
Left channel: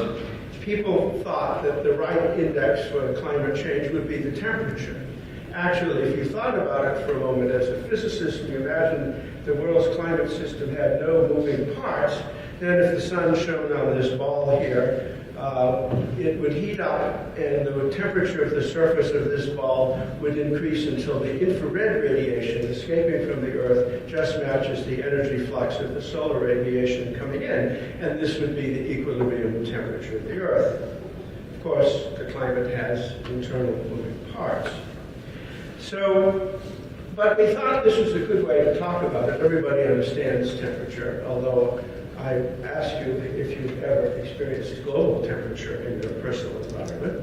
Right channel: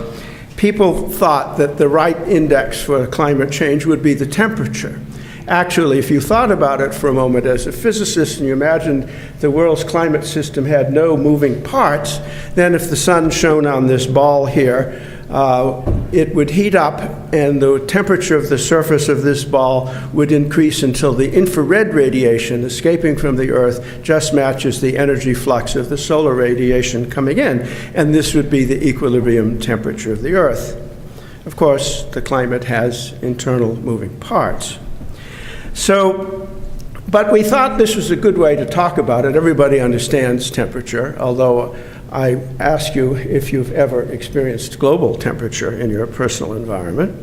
people thought that the right index for climate change would be the temperature. Actually, if you thought about it for a moment as a physicist and you imagined the world's climate system had no moving parts, then if the sun shone on this ball here, it would heat up and the temperature of the surface of this ball would increase until the infrared radiation escaping from the Earth just matches the energy flux of the solar radiation coming in. And this would be the equilibrium temperature of the Earth. Of course, the climate has internal moving parts. But we thought this was a good way to talk about it. Everybody understands temperature, although I ask you if you've ever experienced global temperature in your personal environment.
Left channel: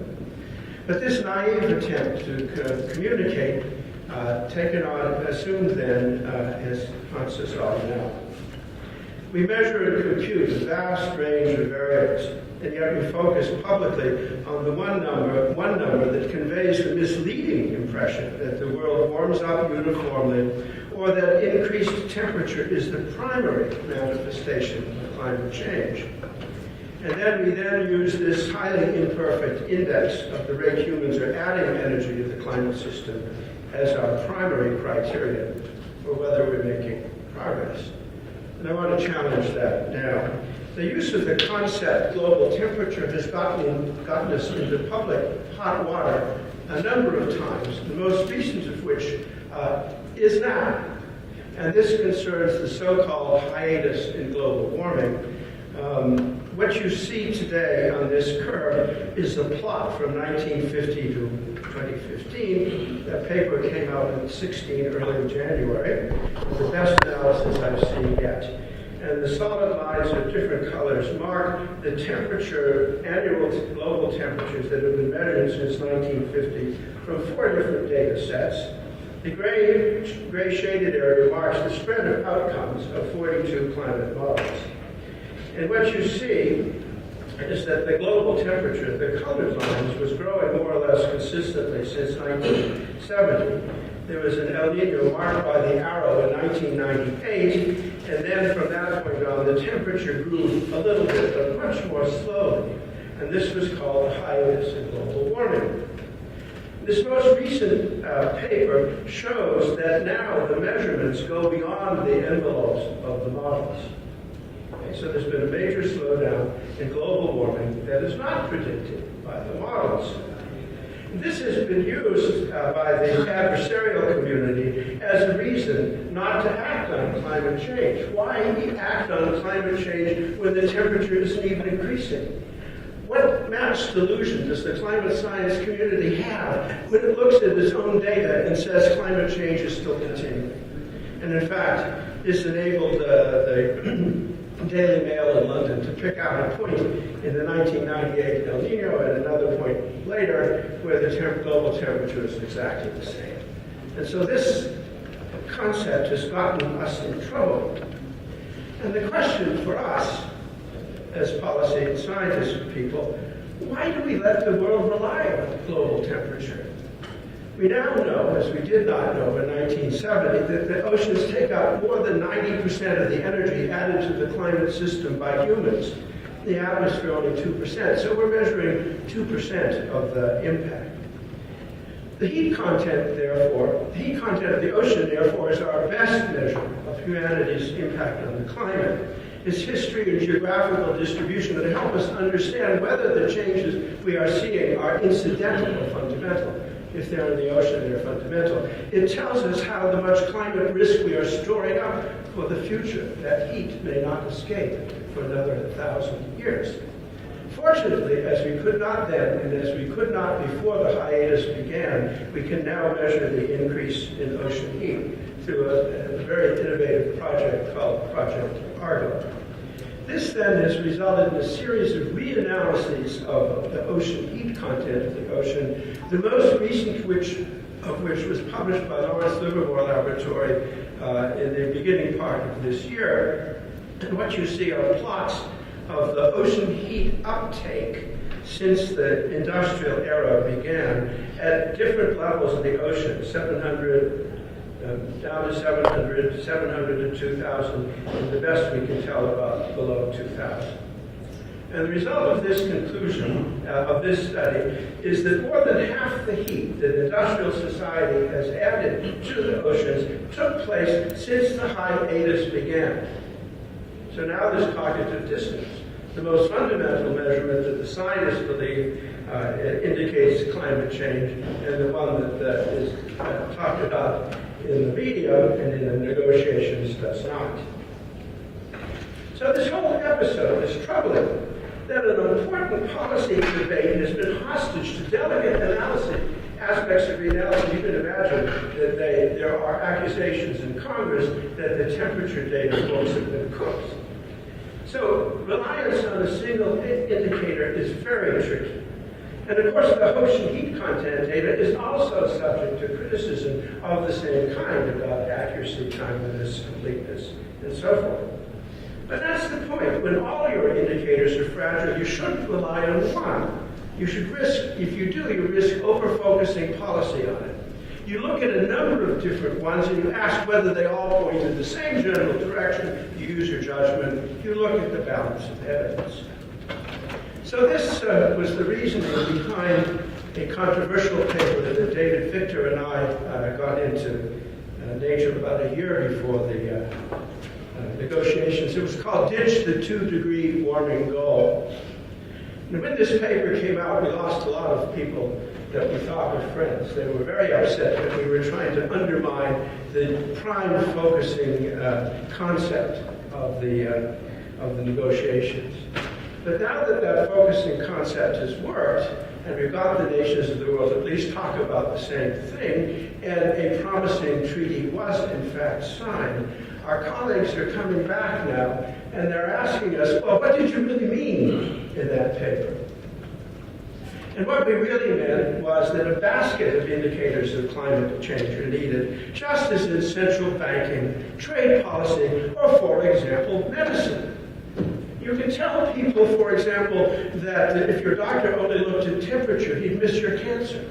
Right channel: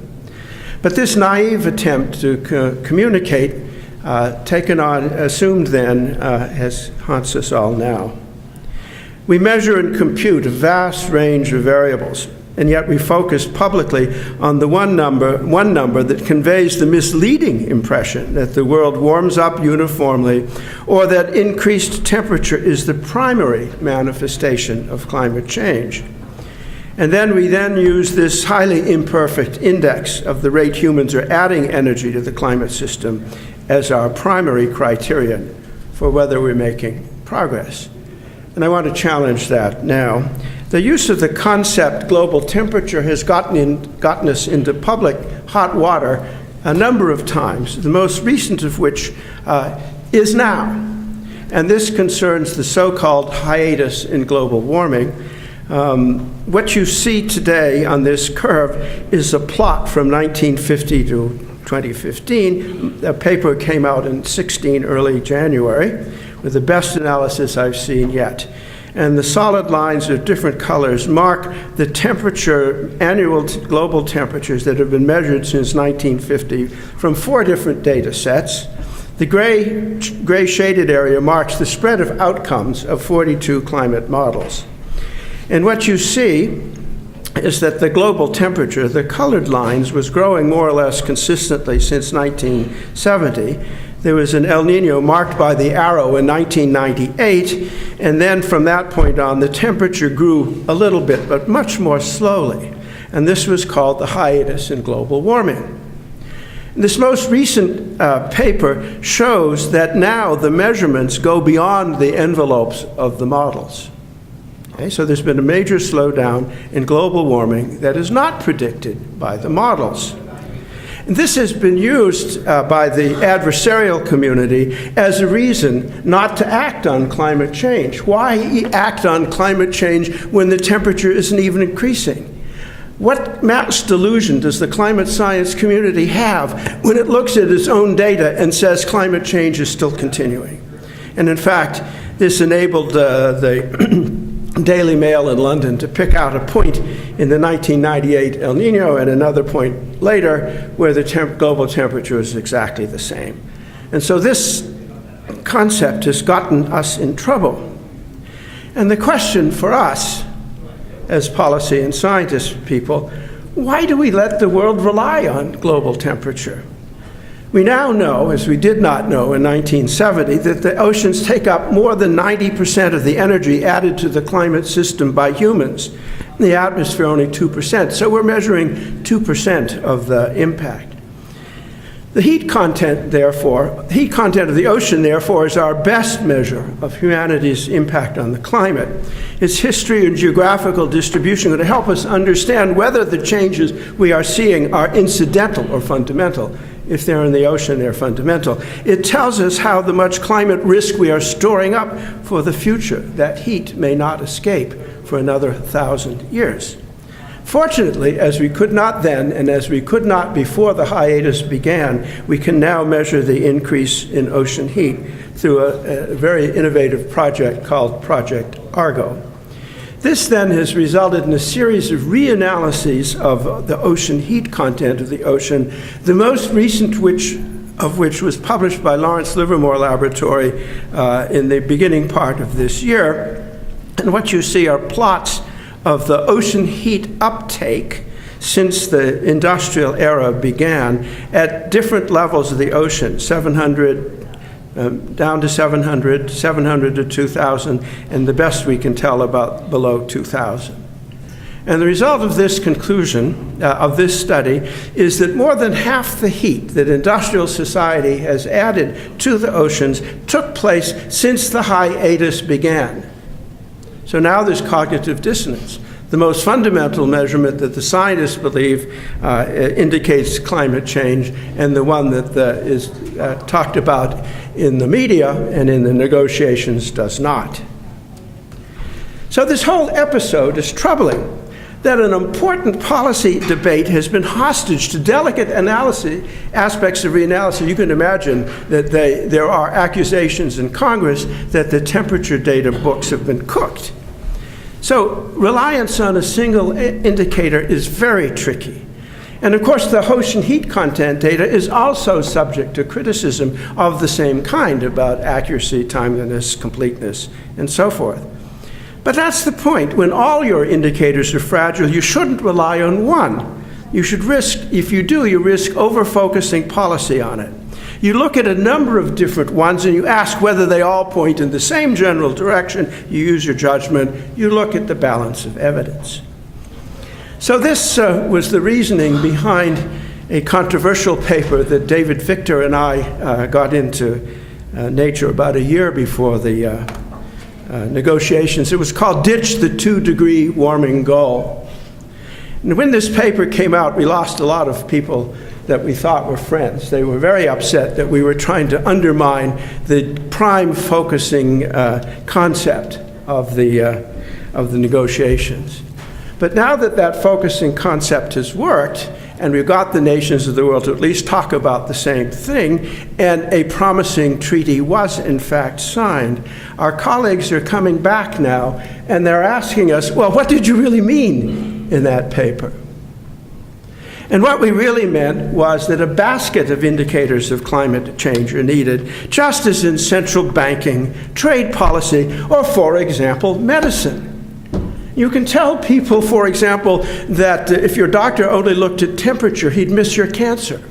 But this naive attempt to communicate, assumed then, haunts us all now. We measure and compute a vast range of variables, and yet we focus publicly on the one number that conveys the misleading impression that the world warms up uniformly, or that increased temperature is the primary manifestation of climate change. And then we use this highly imperfect index of the rate humans are adding energy to the climate system as our primary criterion for whether we're making progress. And I want to challenge that now. The use of the concept global temperature has gotten us into public hot water a number of times, the most recent of which is now. And this concerns the so-called hiatus in global warming. What you see today on this curve is a plot from 1950 to 2015. A paper came out in early January, with the best analysis I've seen yet. And the solid lines of different colors mark the temperature, annual global temperatures that have been measured since 1950 from 4 different data sets. The gray shaded area marks the spread of outcomes of 42 climate models. And what you see is that the global temperature, the colored lines, was growing more or less consistently since 1970. There was an El Nino marked by the arrow in 1998, and then from that point on, the temperature grew a little bit, but much more slowly. And this was called the hiatus in global warming. This most recent paper shows that now the measurements go beyond the envelopes of the models. Okay, so there's been a major slowdown in global warming that is not predicted by the models. And this has been used by the adversarial community as a reason not to act on climate change. Why act on climate change when the temperature isn't even increasing? What mass delusion does the climate science community have when it looks at its own data and says climate change is still continuing? And in fact, this enabled the Daily Mail in London to pick out a point in the 1998 El Nino and another point later where the global temperature is exactly the same. And so this concept has gotten us in trouble. And the question for us as policy and scientist people, why do we let the world rely on global temperature? We now know, as we did not know in 1970, that the oceans take up more than 90% of the energy added to the climate system by humans. The atmosphere only 2%. So we're measuring 2% of the impact. The heat content of the ocean, therefore, is our best measure of humanity's impact on the climate. Its history and geographical distribution are to help us understand whether the changes we are seeing are incidental or fundamental. If they're in the ocean, they're fundamental. It tells us how much climate risk we are storing up for the future. That heat may not escape for another 1,000 years. Fortunately, as we could not then, and as we could not before the hiatus began, we can now measure the increase in ocean heat through a very innovative project called Project Argo. This then has resulted in a series of reanalyses of the ocean heat content of the ocean, the most recent of which was published by Lawrence Livermore Laboratory in the beginning part of this year. And what you see are plots of the ocean heat uptake since the industrial era began at different levels of the ocean, 700, down to 700, 700 to 2,000, and the best we can tell about below 2,000. And the result of this conclusion, of this study, is that more than half the heat that industrial society has added to the oceans took place since the hiatus began. So now there's cognitive dissonance. the most fundamental measurement that the scientists believe indicates climate change, and the one that is talked about in the media and in the negotiations does not. So this whole episode is troubling, that an important policy debate has been hostage to delicate aspects of reanalysis. You can imagine that there are accusations in Congress that the temperature data books have been cooked. So reliance on a single indicator is very tricky. And of course, the ocean heat content data is also subject to criticism of the same kind about accuracy, timeliness, completeness, and so forth. But that's the point. When all your indicators are fragile, you shouldn't rely on one. You should risk, if you do, you risk over-focusing policy on it. You look at a number of different ones and you ask whether they all point in the same general direction. You use your judgment. You look at the balance of evidence. So this was the reasoning behind a controversial paper that David Victor and I got into Nature about a year before the negotiations. It was called Ditch the 2-Degree Warming Goal. And when this paper came out, we lost a lot of people that we thought were friends. They were very upset that we were trying to undermine the prime focusing concept of the negotiations. But now that that focusing concept has worked, and we've got the nations of the world to at least talk about the same thing, and a promising treaty was in fact signed, our colleagues are coming back now, and they're asking us, well, what did you really mean in that paper? And what we really meant was that a basket of indicators of climate change are needed, just as in central banking, trade policy, or, for example, medicine. You can tell people, for example, that if your doctor only looked at temperature, he'd miss your cancer.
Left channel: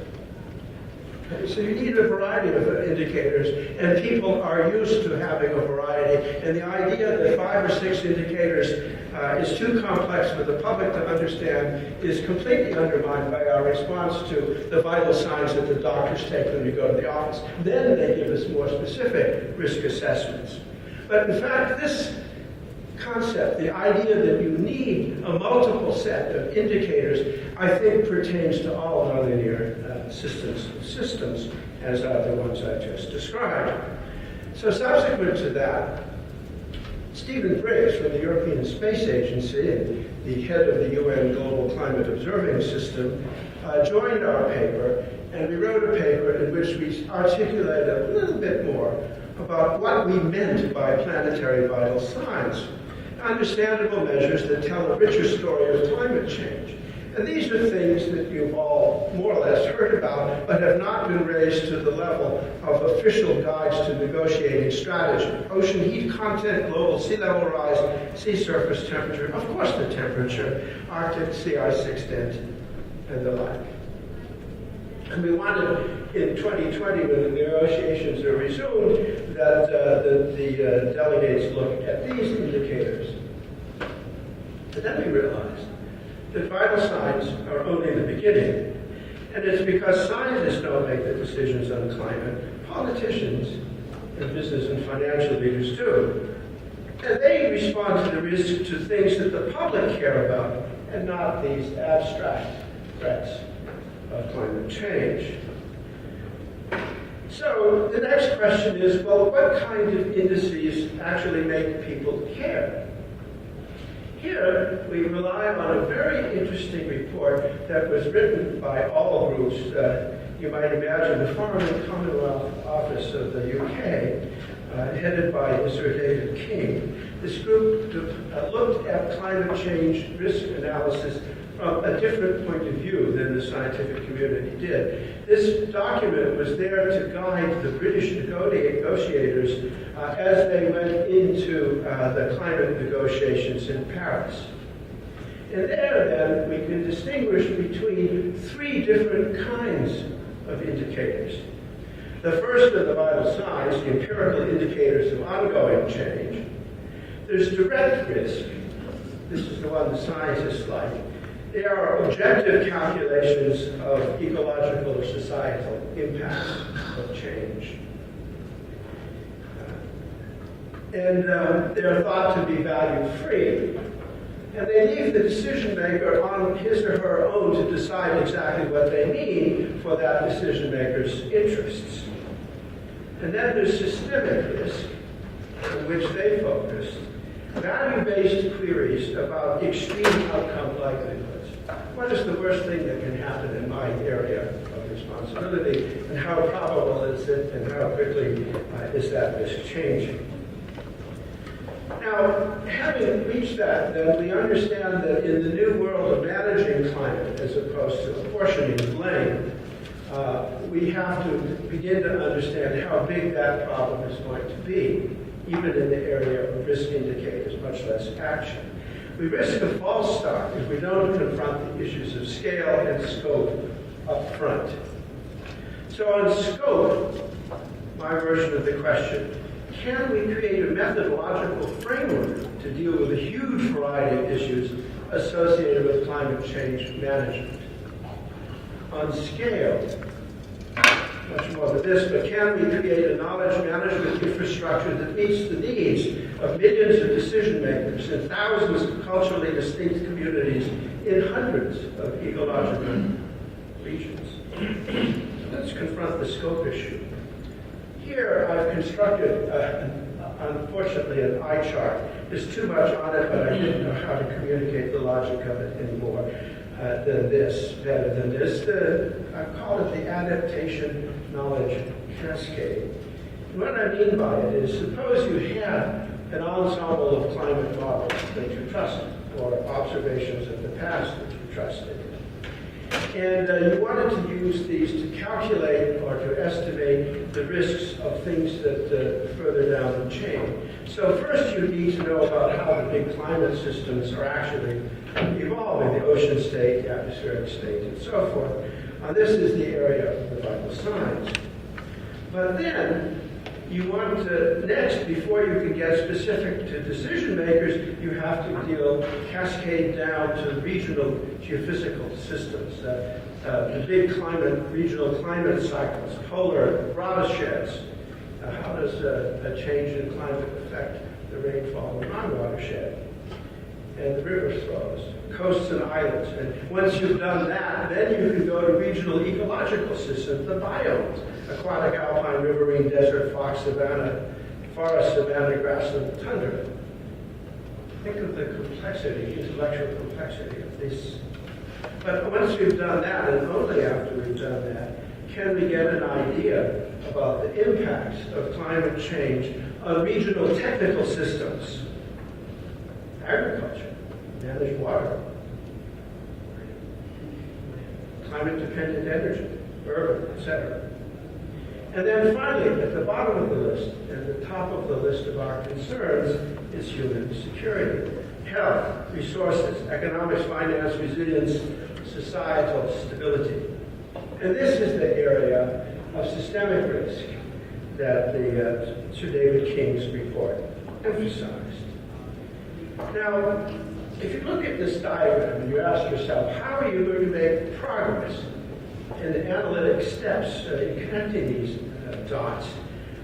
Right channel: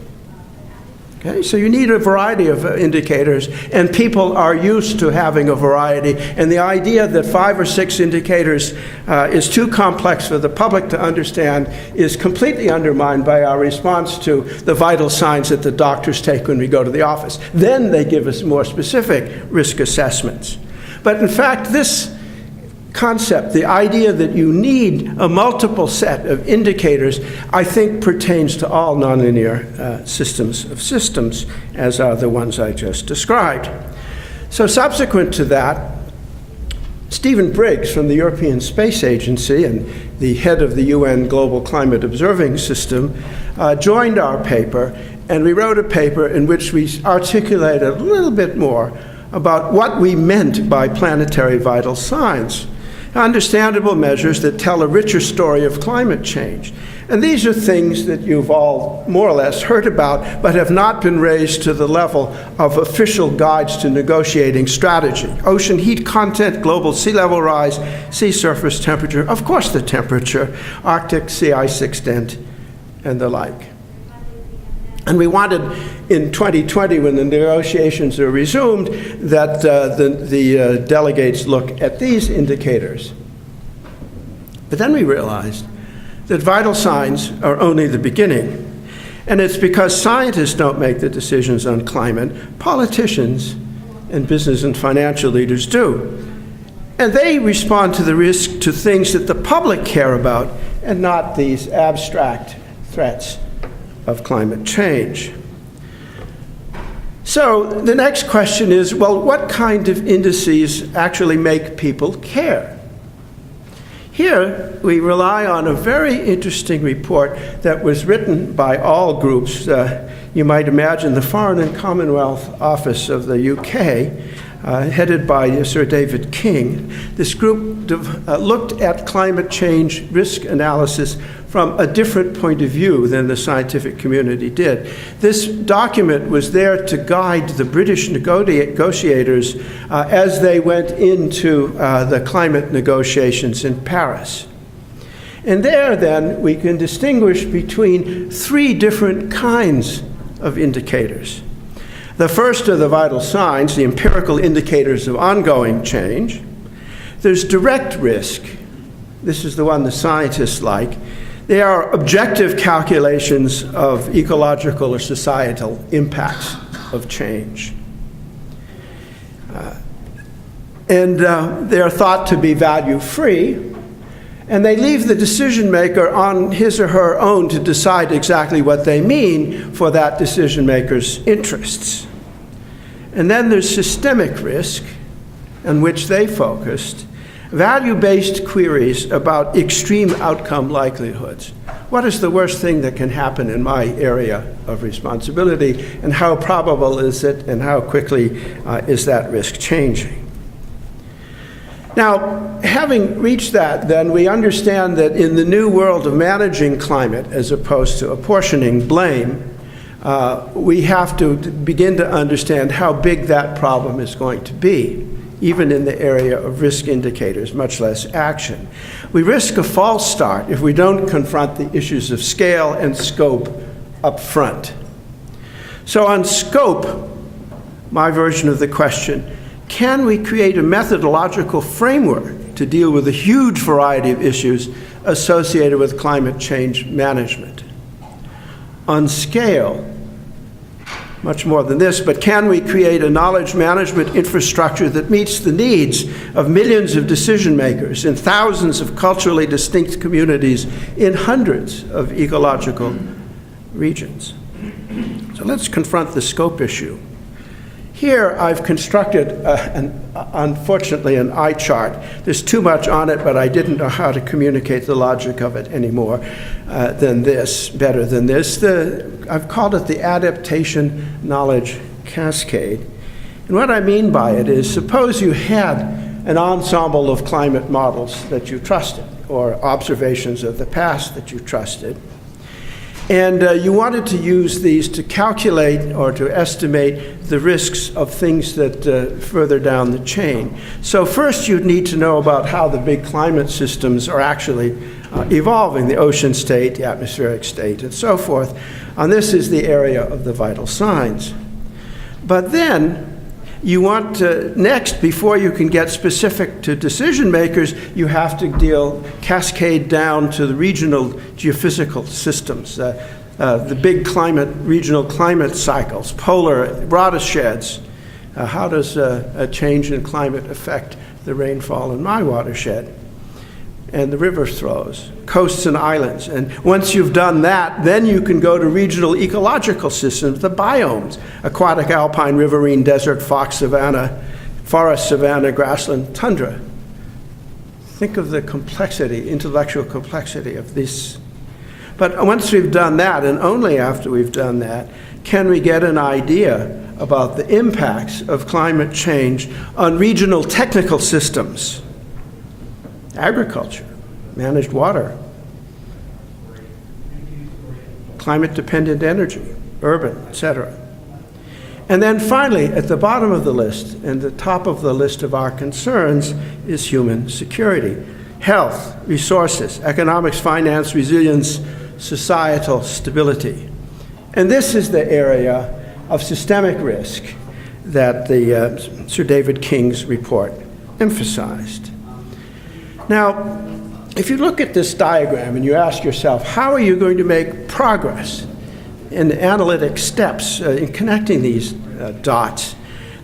Okay? So you need a variety of indicators, and people are used to having a variety. And the idea that 5 or 6 indicators is too complex for the public to understand is completely undermined by our response to the vital signs that the doctors take when we go to the office. Then they give us more specific risk assessments. But in fact, this concept, the idea that you need a multiple set of indicators, I think pertains to all nonlinear systems of systems, as are the ones I just described. So subsequent to that, Stephen Briggs from the European Space Agency and the head of the UN Global Climate Observing System joined our paper, and we wrote a paper in which we articulated a little bit more about what we meant by planetary vital signs. Understandable measures that tell a richer story of climate change. And these are things that you've all more or less heard about, but have not been raised to the level of official guides to negotiating strategy. Ocean heat content, global sea level rise, sea surface temperature, of course the temperature, Arctic sea ice extent, and the like. And we wanted, in 2020, when the negotiations are resumed, that the delegates look at these indicators. But then we realized that vital signs are only the beginning. And it's because scientists don't make the decisions on climate, politicians and business and financial leaders do. And they respond to the risk to things that the public care about, and not these abstract threats of climate change. So the next question is, well, what kind of indices actually make people care? Here, we rely on a very interesting report that was written by all groups. You might imagine the Foreign and Commonwealth Office of the UK, headed by Sir David King. This group looked at climate change risk analysis from a different point of view than the scientific community did. This document was there to guide the British negotiators as they went into the climate negotiations in Paris. And there, then, we can distinguish between 3 different kinds of indicators. The first are the vital signs, the empirical indicators of ongoing change. There's direct risk. This is the one the scientists like. They are objective calculations of ecological or societal impacts of change. And they are thought to be value-free. And they leave the decision maker on his or her own to decide exactly what they mean for that decision maker's interests. And then there's systemic risk, on which they focused, value-based queries about extreme outcome likelihoods. What is the worst thing that can happen in my area of responsibility, and how probable is it, and how quickly is that risk changing? Now, having reached that, then we understand that in the new world of managing climate, as opposed to apportioning blame, we have to begin to understand how big that problem is going to be, even in the area of risk indicators, much less action. We risk a false start if we don't confront the issues of scale and scope up front. So on scope, my version of the question, can we create a methodological framework to deal with a huge variety of issues associated with climate change management? On scale, much more than this, but can we create a knowledge management infrastructure that meets the needs of millions of decision makers in thousands of culturally distinct communities in hundreds of ecological regions? So let's confront the scope issue. Here I've constructed, unfortunately, an eye chart. There's too much on it, but I didn't know how to communicate the logic of it anymore better than this. I've called it the adaptation knowledge cascade. And what I mean by it is, suppose you had an ensemble of climate models that you trusted, or observations of the past that you trusted. And you wanted to use these to calculate or to estimate the risks of things that further down the chain. So first you'd need to know about how the big climate systems are actually evolving, the ocean state, the atmospheric state, and so forth. And this is the area of the vital signs. But then you want to, next, before you can get specific to decision makers, you have to cascade down to the regional geophysical systems, the big regional climate cycles, polar watersheds. How does a change in climate affect the rainfall in my watershed? And the river flows, coasts and islands. And once you've done that, then you can go to regional ecological systems, the biomes, aquatic, alpine, riverine, desert, fox, savanna, forest, savanna, grassland, tundra. Think of the complexity, intellectual complexity of this. But once we've done that, and only after we've done that, can we get an idea about the impacts of climate change on regional technical systems? Agriculture, managed water, climate-dependent energy, urban, etc. And then finally, at the bottom of the list, and the top of the list of our concerns, is human security, health, resources, economics, finance, resilience, societal stability. And this is the area of systemic risk that the Sir David King's report emphasized. Now, if you look at this diagram and you ask yourself, how are you going to make progress in analytic steps in connecting these dots,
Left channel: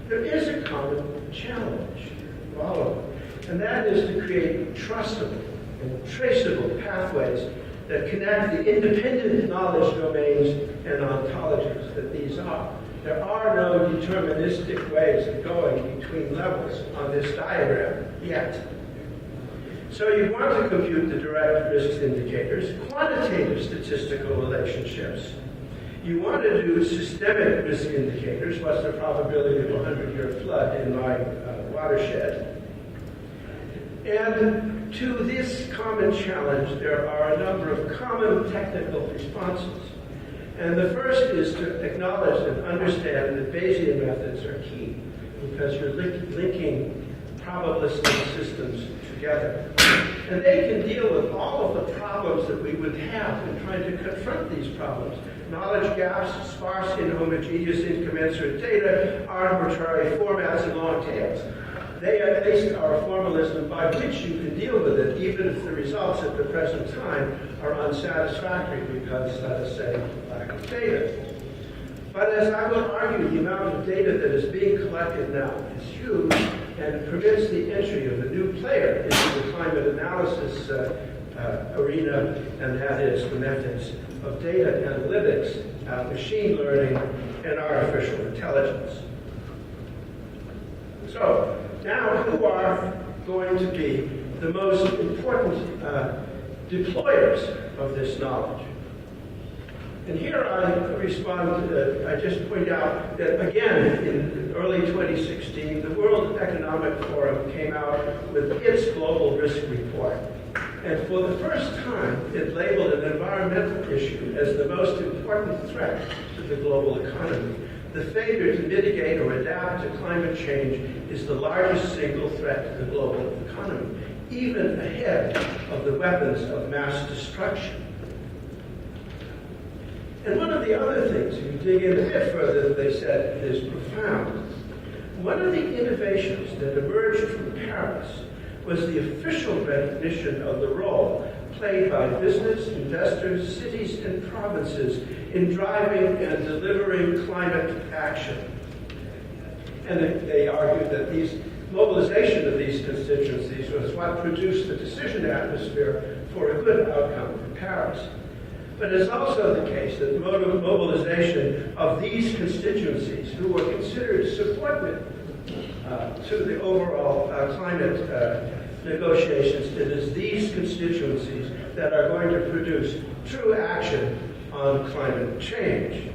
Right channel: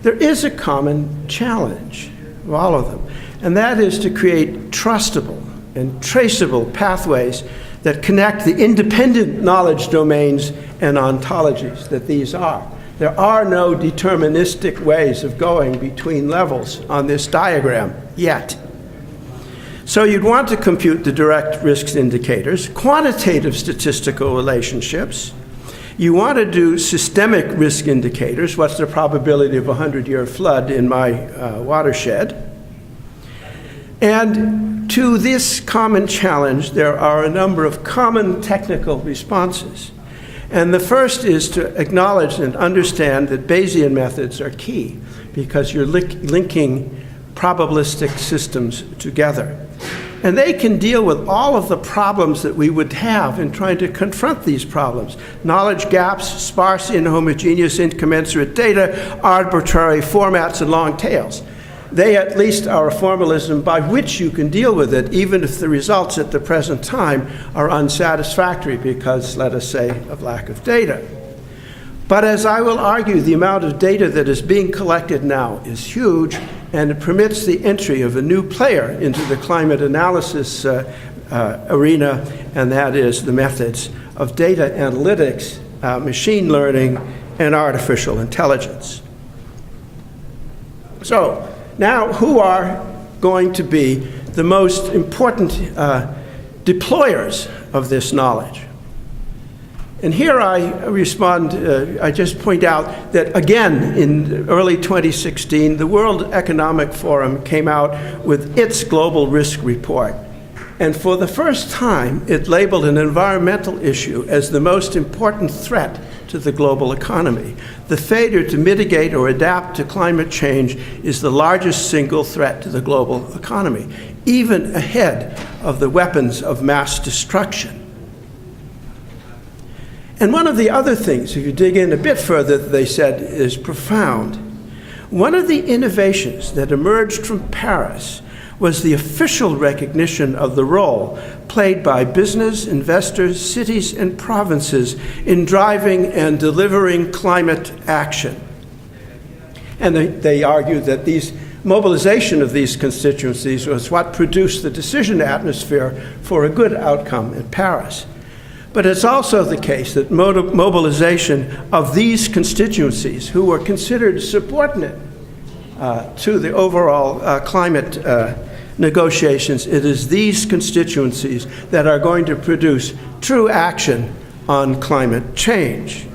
there is a common challenge of all of them, and that is to create trustable and traceable pathways that connect the independent knowledge domains and ontologies that these are. There are no deterministic ways of going between levels on this diagram yet. So you'd want to compute the direct risks indicators, quantitative statistical relationships. You want to do systemic risk indicators. What's the probability of a 100-year flood in my watershed? And to this common challenge, there are a number of common technical responses. And the first is to acknowledge and understand that Bayesian methods are key, because you're linking probabilistic systems together. And they can deal with all of the problems that we would have in trying to confront these problems. Knowledge gaps, sparse, inhomogeneous, incommensurate data, arbitrary formats, and long tails. They at least are a formalism by which you can deal with it, even if the results at the present time are unsatisfactory because, let us say, of lack of data. But as I will argue, the amount of data that is being collected now is huge, and it permits the entry of a new player into the climate analysis arena, and that is the methods of data analytics, machine learning, and artificial intelligence. So now, who are going to be the most important deployers of this knowledge? And here I respond, I just point out that again in early 2016, the World Economic Forum came out with its global risk report. And for the first time, it labeled an environmental issue as the most important threat to the global economy. The failure to mitigate or adapt to climate change is the largest single threat to the global economy, even ahead of the weapons of mass destruction. And one of the other things, if you dig in a bit further, that they said is profound. One of the innovations that emerged from Paris was the official recognition of the role played by business, investors, cities, and provinces in driving and delivering climate action. And they argued that mobilization of these constituencies was what produced the decision atmosphere for a good outcome in Paris. But it's also the case that mobilization of these constituencies, who were considered subordinate to the overall climate negotiations, it is these constituencies that are going to produce true action on climate change.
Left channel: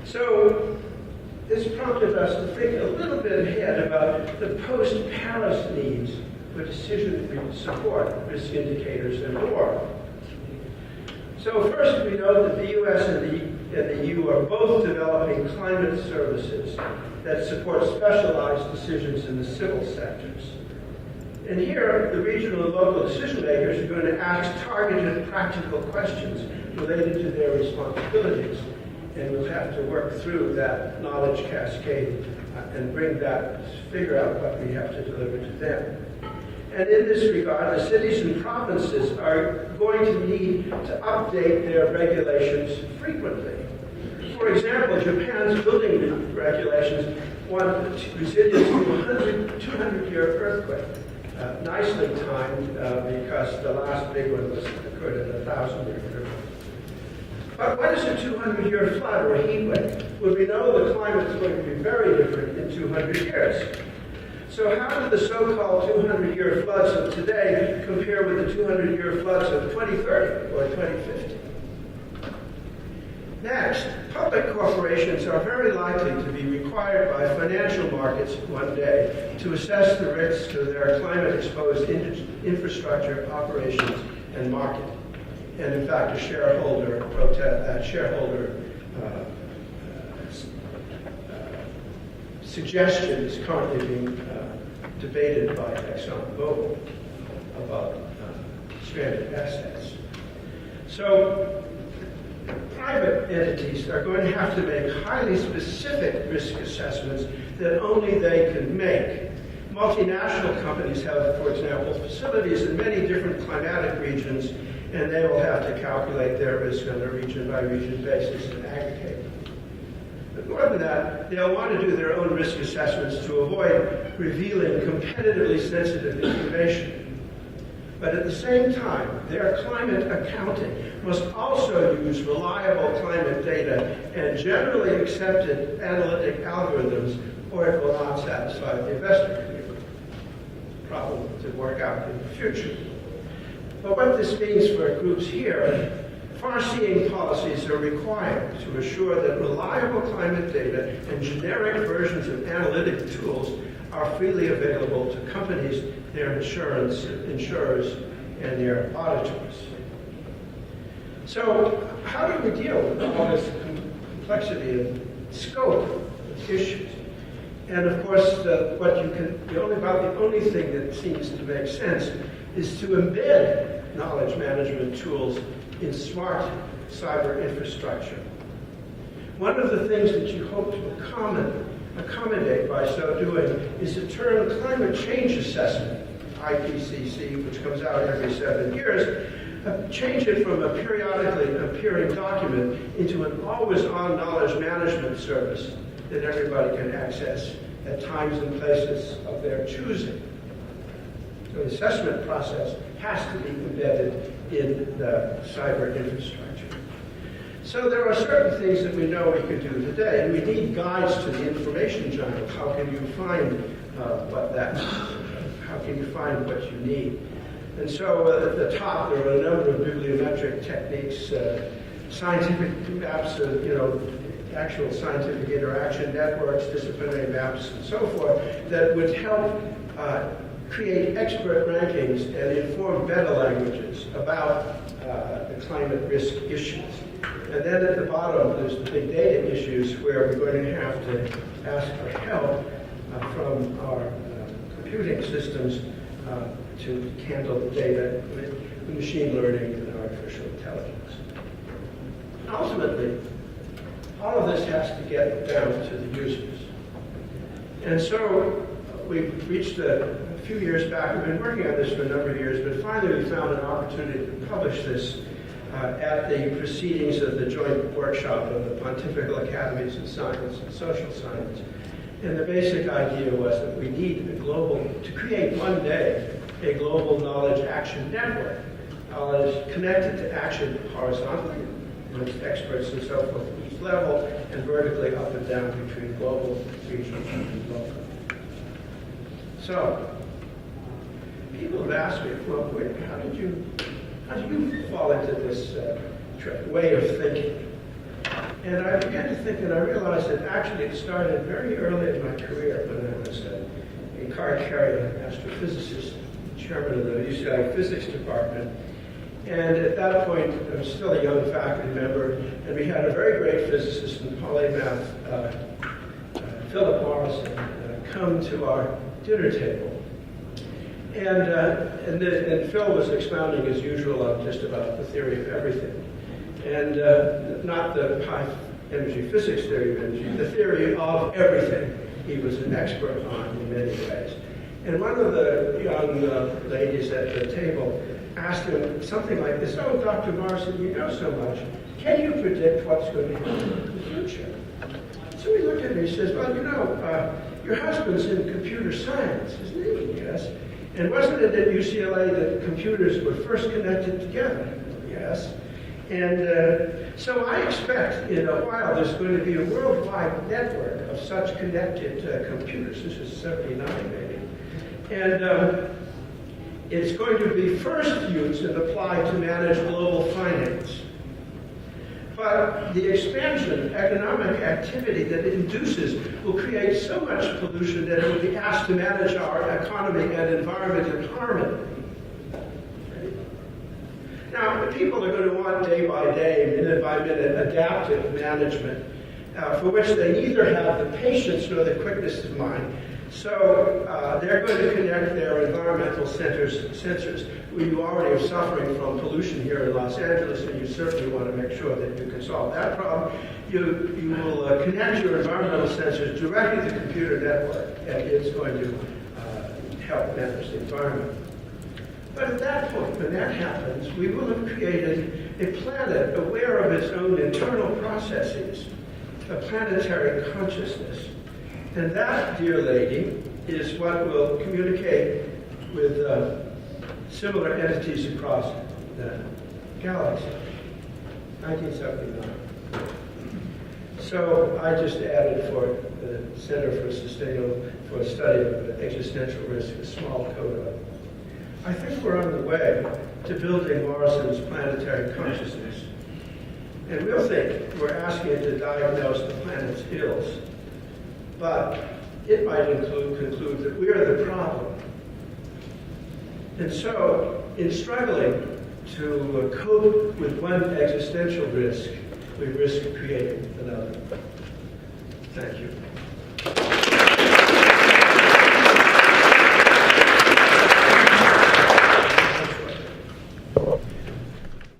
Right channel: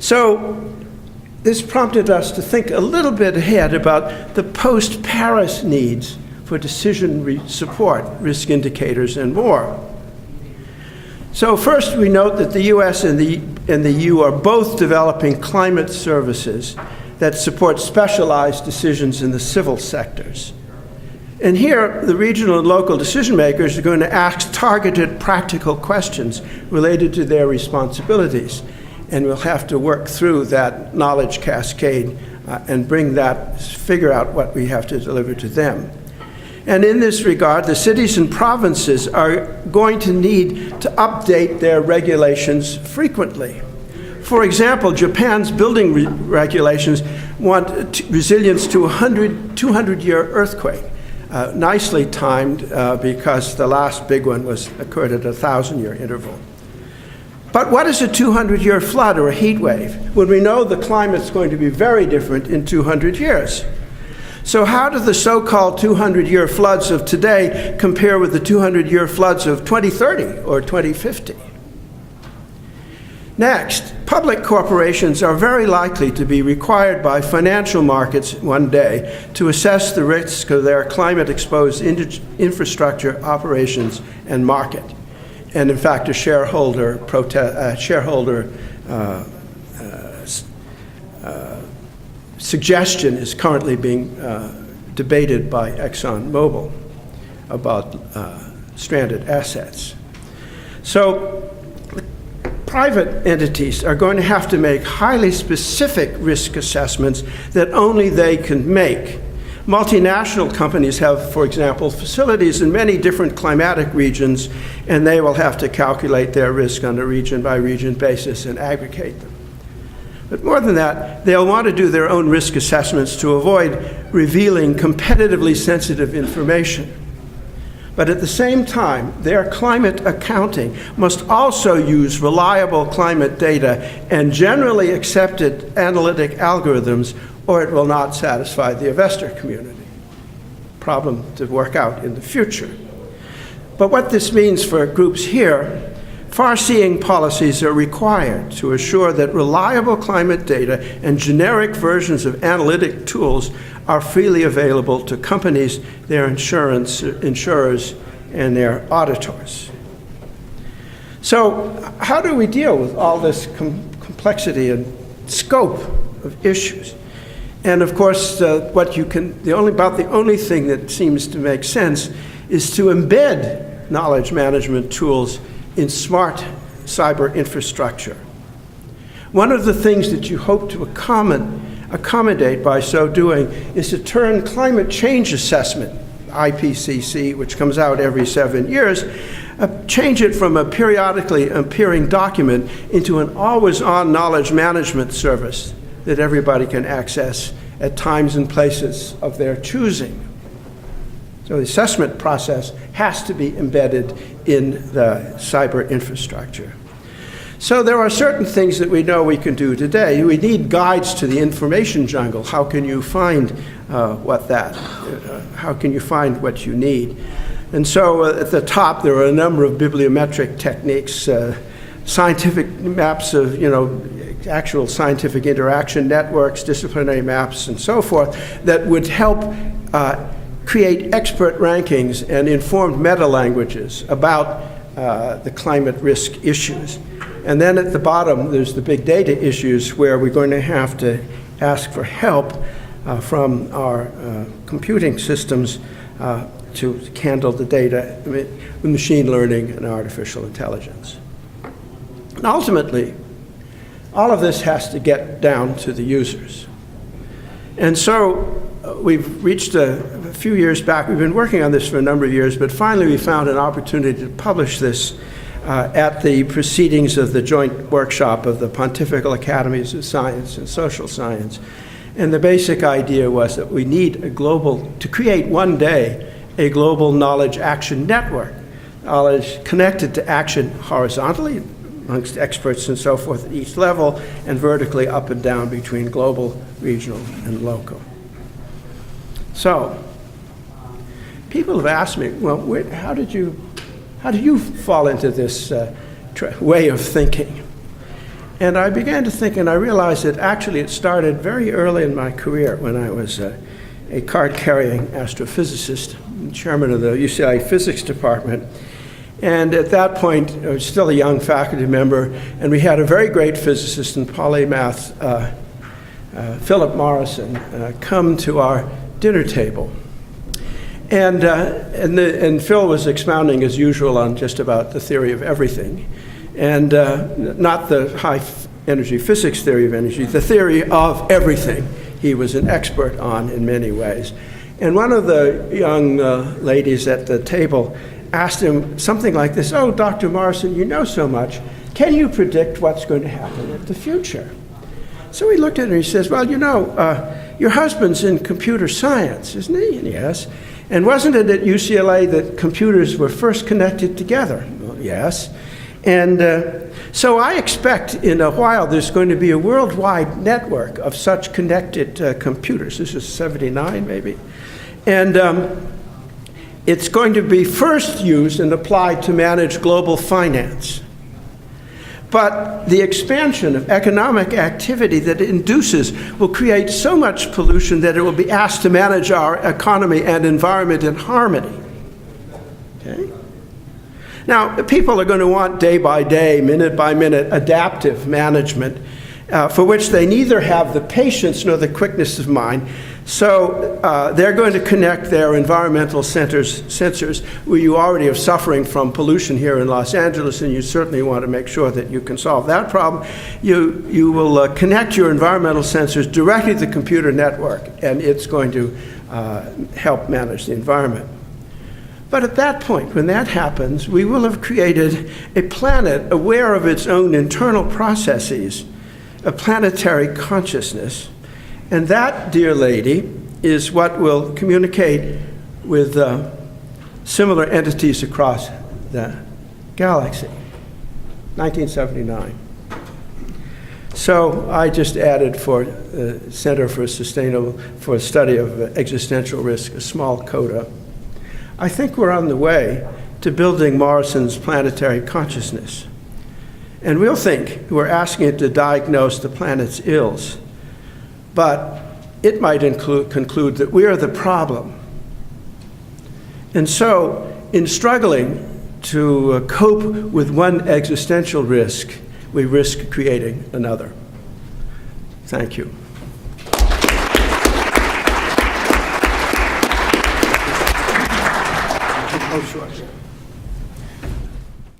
So this prompted us to think a little bit ahead about the post-Paris needs for decision support, risk indicators, and more. So first, we note that the US and the EU are both developing climate services that support specialized decisions in the civil sectors. And here, the regional and local decision makers are going to ask targeted practical questions related to their responsibilities. And we'll have to work through that knowledge cascade and figure out what we have to deliver to them. And in this regard, the cities and provinces are going to need to update their regulations frequently. For example, Japan's building regulations want resilience to a 200-year earthquake. Nicely timed because the last big one occurred at a 1,000-year interval. But what is a 200-year flood or a heat wave when we know the climate's going to be very different in 200 years? So how do the so-called 200-year floods of today compare with the 200-year floods of 2030 or 2050? Next, public corporations are very likely to be required by financial markets one day to assess the risk of their climate-exposed infrastructure, operations, and market. And in fact, a shareholder suggestion is currently being debated by ExxonMobil about stranded assets. So private entities are going to have to make highly specific risk assessments that only they can make. Multinational companies have, for example, facilities in many different climatic regions, and they will have to calculate their risk on a region-by-region basis and aggregate them. But more than that, they'll want to do their own risk assessments to avoid revealing competitively sensitive information. But at the same time, their climate accounting must also use reliable climate data and generally accepted analytic algorithms, or it will not satisfy the investor community. Problem to work out in the future. But what this means for groups here, far-seeing policies are required to assure that reliable climate data and generic versions of analytic tools are freely available to companies, their insurers, and their auditors. So how do we deal with all this complexity and scope of issues? And of course, about the only thing that seems to make sense is to embed knowledge management tools in smart cyber infrastructure. One of the things that you hope to accommodate by so doing is to turn climate change assessment, IPCC, which comes out every 7 years, change it from a periodically appearing document into an always-on knowledge management service that everybody can access at times and places of their choosing. So the assessment process has to be embedded in the cyber infrastructure. So there are certain things that we know we can do today. We need guides to the information jungle. How can you find how can you find what you need? And so at the top, there are a number of bibliometric techniques, scientific maps of, actual scientific interaction networks, disciplinary maps, and so forth, that would help create expert rankings and informed meta-languages about the climate risk issues. And then at the bottom, there's the big data issues where we're going to have to ask for help from our computing systems to handle the data with machine learning and artificial intelligence. And ultimately, all of this has to get down to the users. And so we've reached a few years back, we've been working on this for a number of years, but finally we found an opportunity to publish this at the proceedings of the joint workshop of the Pontifical Academies of Science and Social Science. And the basic idea was that we need to create one day a global knowledge action network, knowledge connected to action horizontally amongst experts and so forth at each level, and vertically up and down between global, regional, and local. So, people have asked me, well, how do you fall into this way of thinking? And I began to think, and I realized that actually it started very early in my career when I was a card-carrying astrophysicist, chairman of the UCI physics department. And at that point, I was still a young faculty member, and we had a very great physicist in polymath, Philip Morrison, come to our dinner table. And Phil was expounding, as usual, on just about the theory of everything. And not the high-energy physics theory of energy, the theory of everything he was an expert on in many ways. And one of the young ladies at the table asked him something like this, "Oh, Dr. Morrison, you know so much. Can you predict what's going to happen in the future?" So he looked at her and he says, "Well, your husband's in computer science, isn't he?" And yes. "And wasn't it at UCLA that computers were first connected together?" Well, yes. And so I expect in a while there's going to be a worldwide network of such connected computers. This is 79 maybe. And it's going to be first used and applied to manage global finance. But the expansion of economic activity that it induces will create so much pollution that it will be asked to manage our economy and environment in harmony. Okay? Now, people are going to want day by day, minute by minute, adaptive management, for which they neither have the patience nor the quickness of mind. So they're going to connect their environmental sensors, where you already are suffering from pollution here in Los Angeles, and you certainly want to make sure that you can solve that problem. You will connect your environmental sensors directly to the computer network, and it's going to help manage the environment. But at that point, when that happens, we will have created a planet aware of its own internal processes, a planetary consciousness. And that, dear lady, is what will communicate with similar entities across the galaxy. 1979. So I just added for the Center for Study of Existential Risk a small coda. I think we're on the way to building Morrison's planetary consciousness. And we'll think we're asking it to diagnose the planet's ills. But it might conclude that we are the problem. And so, in struggling to cope with one existential risk, we risk creating another. Thank you.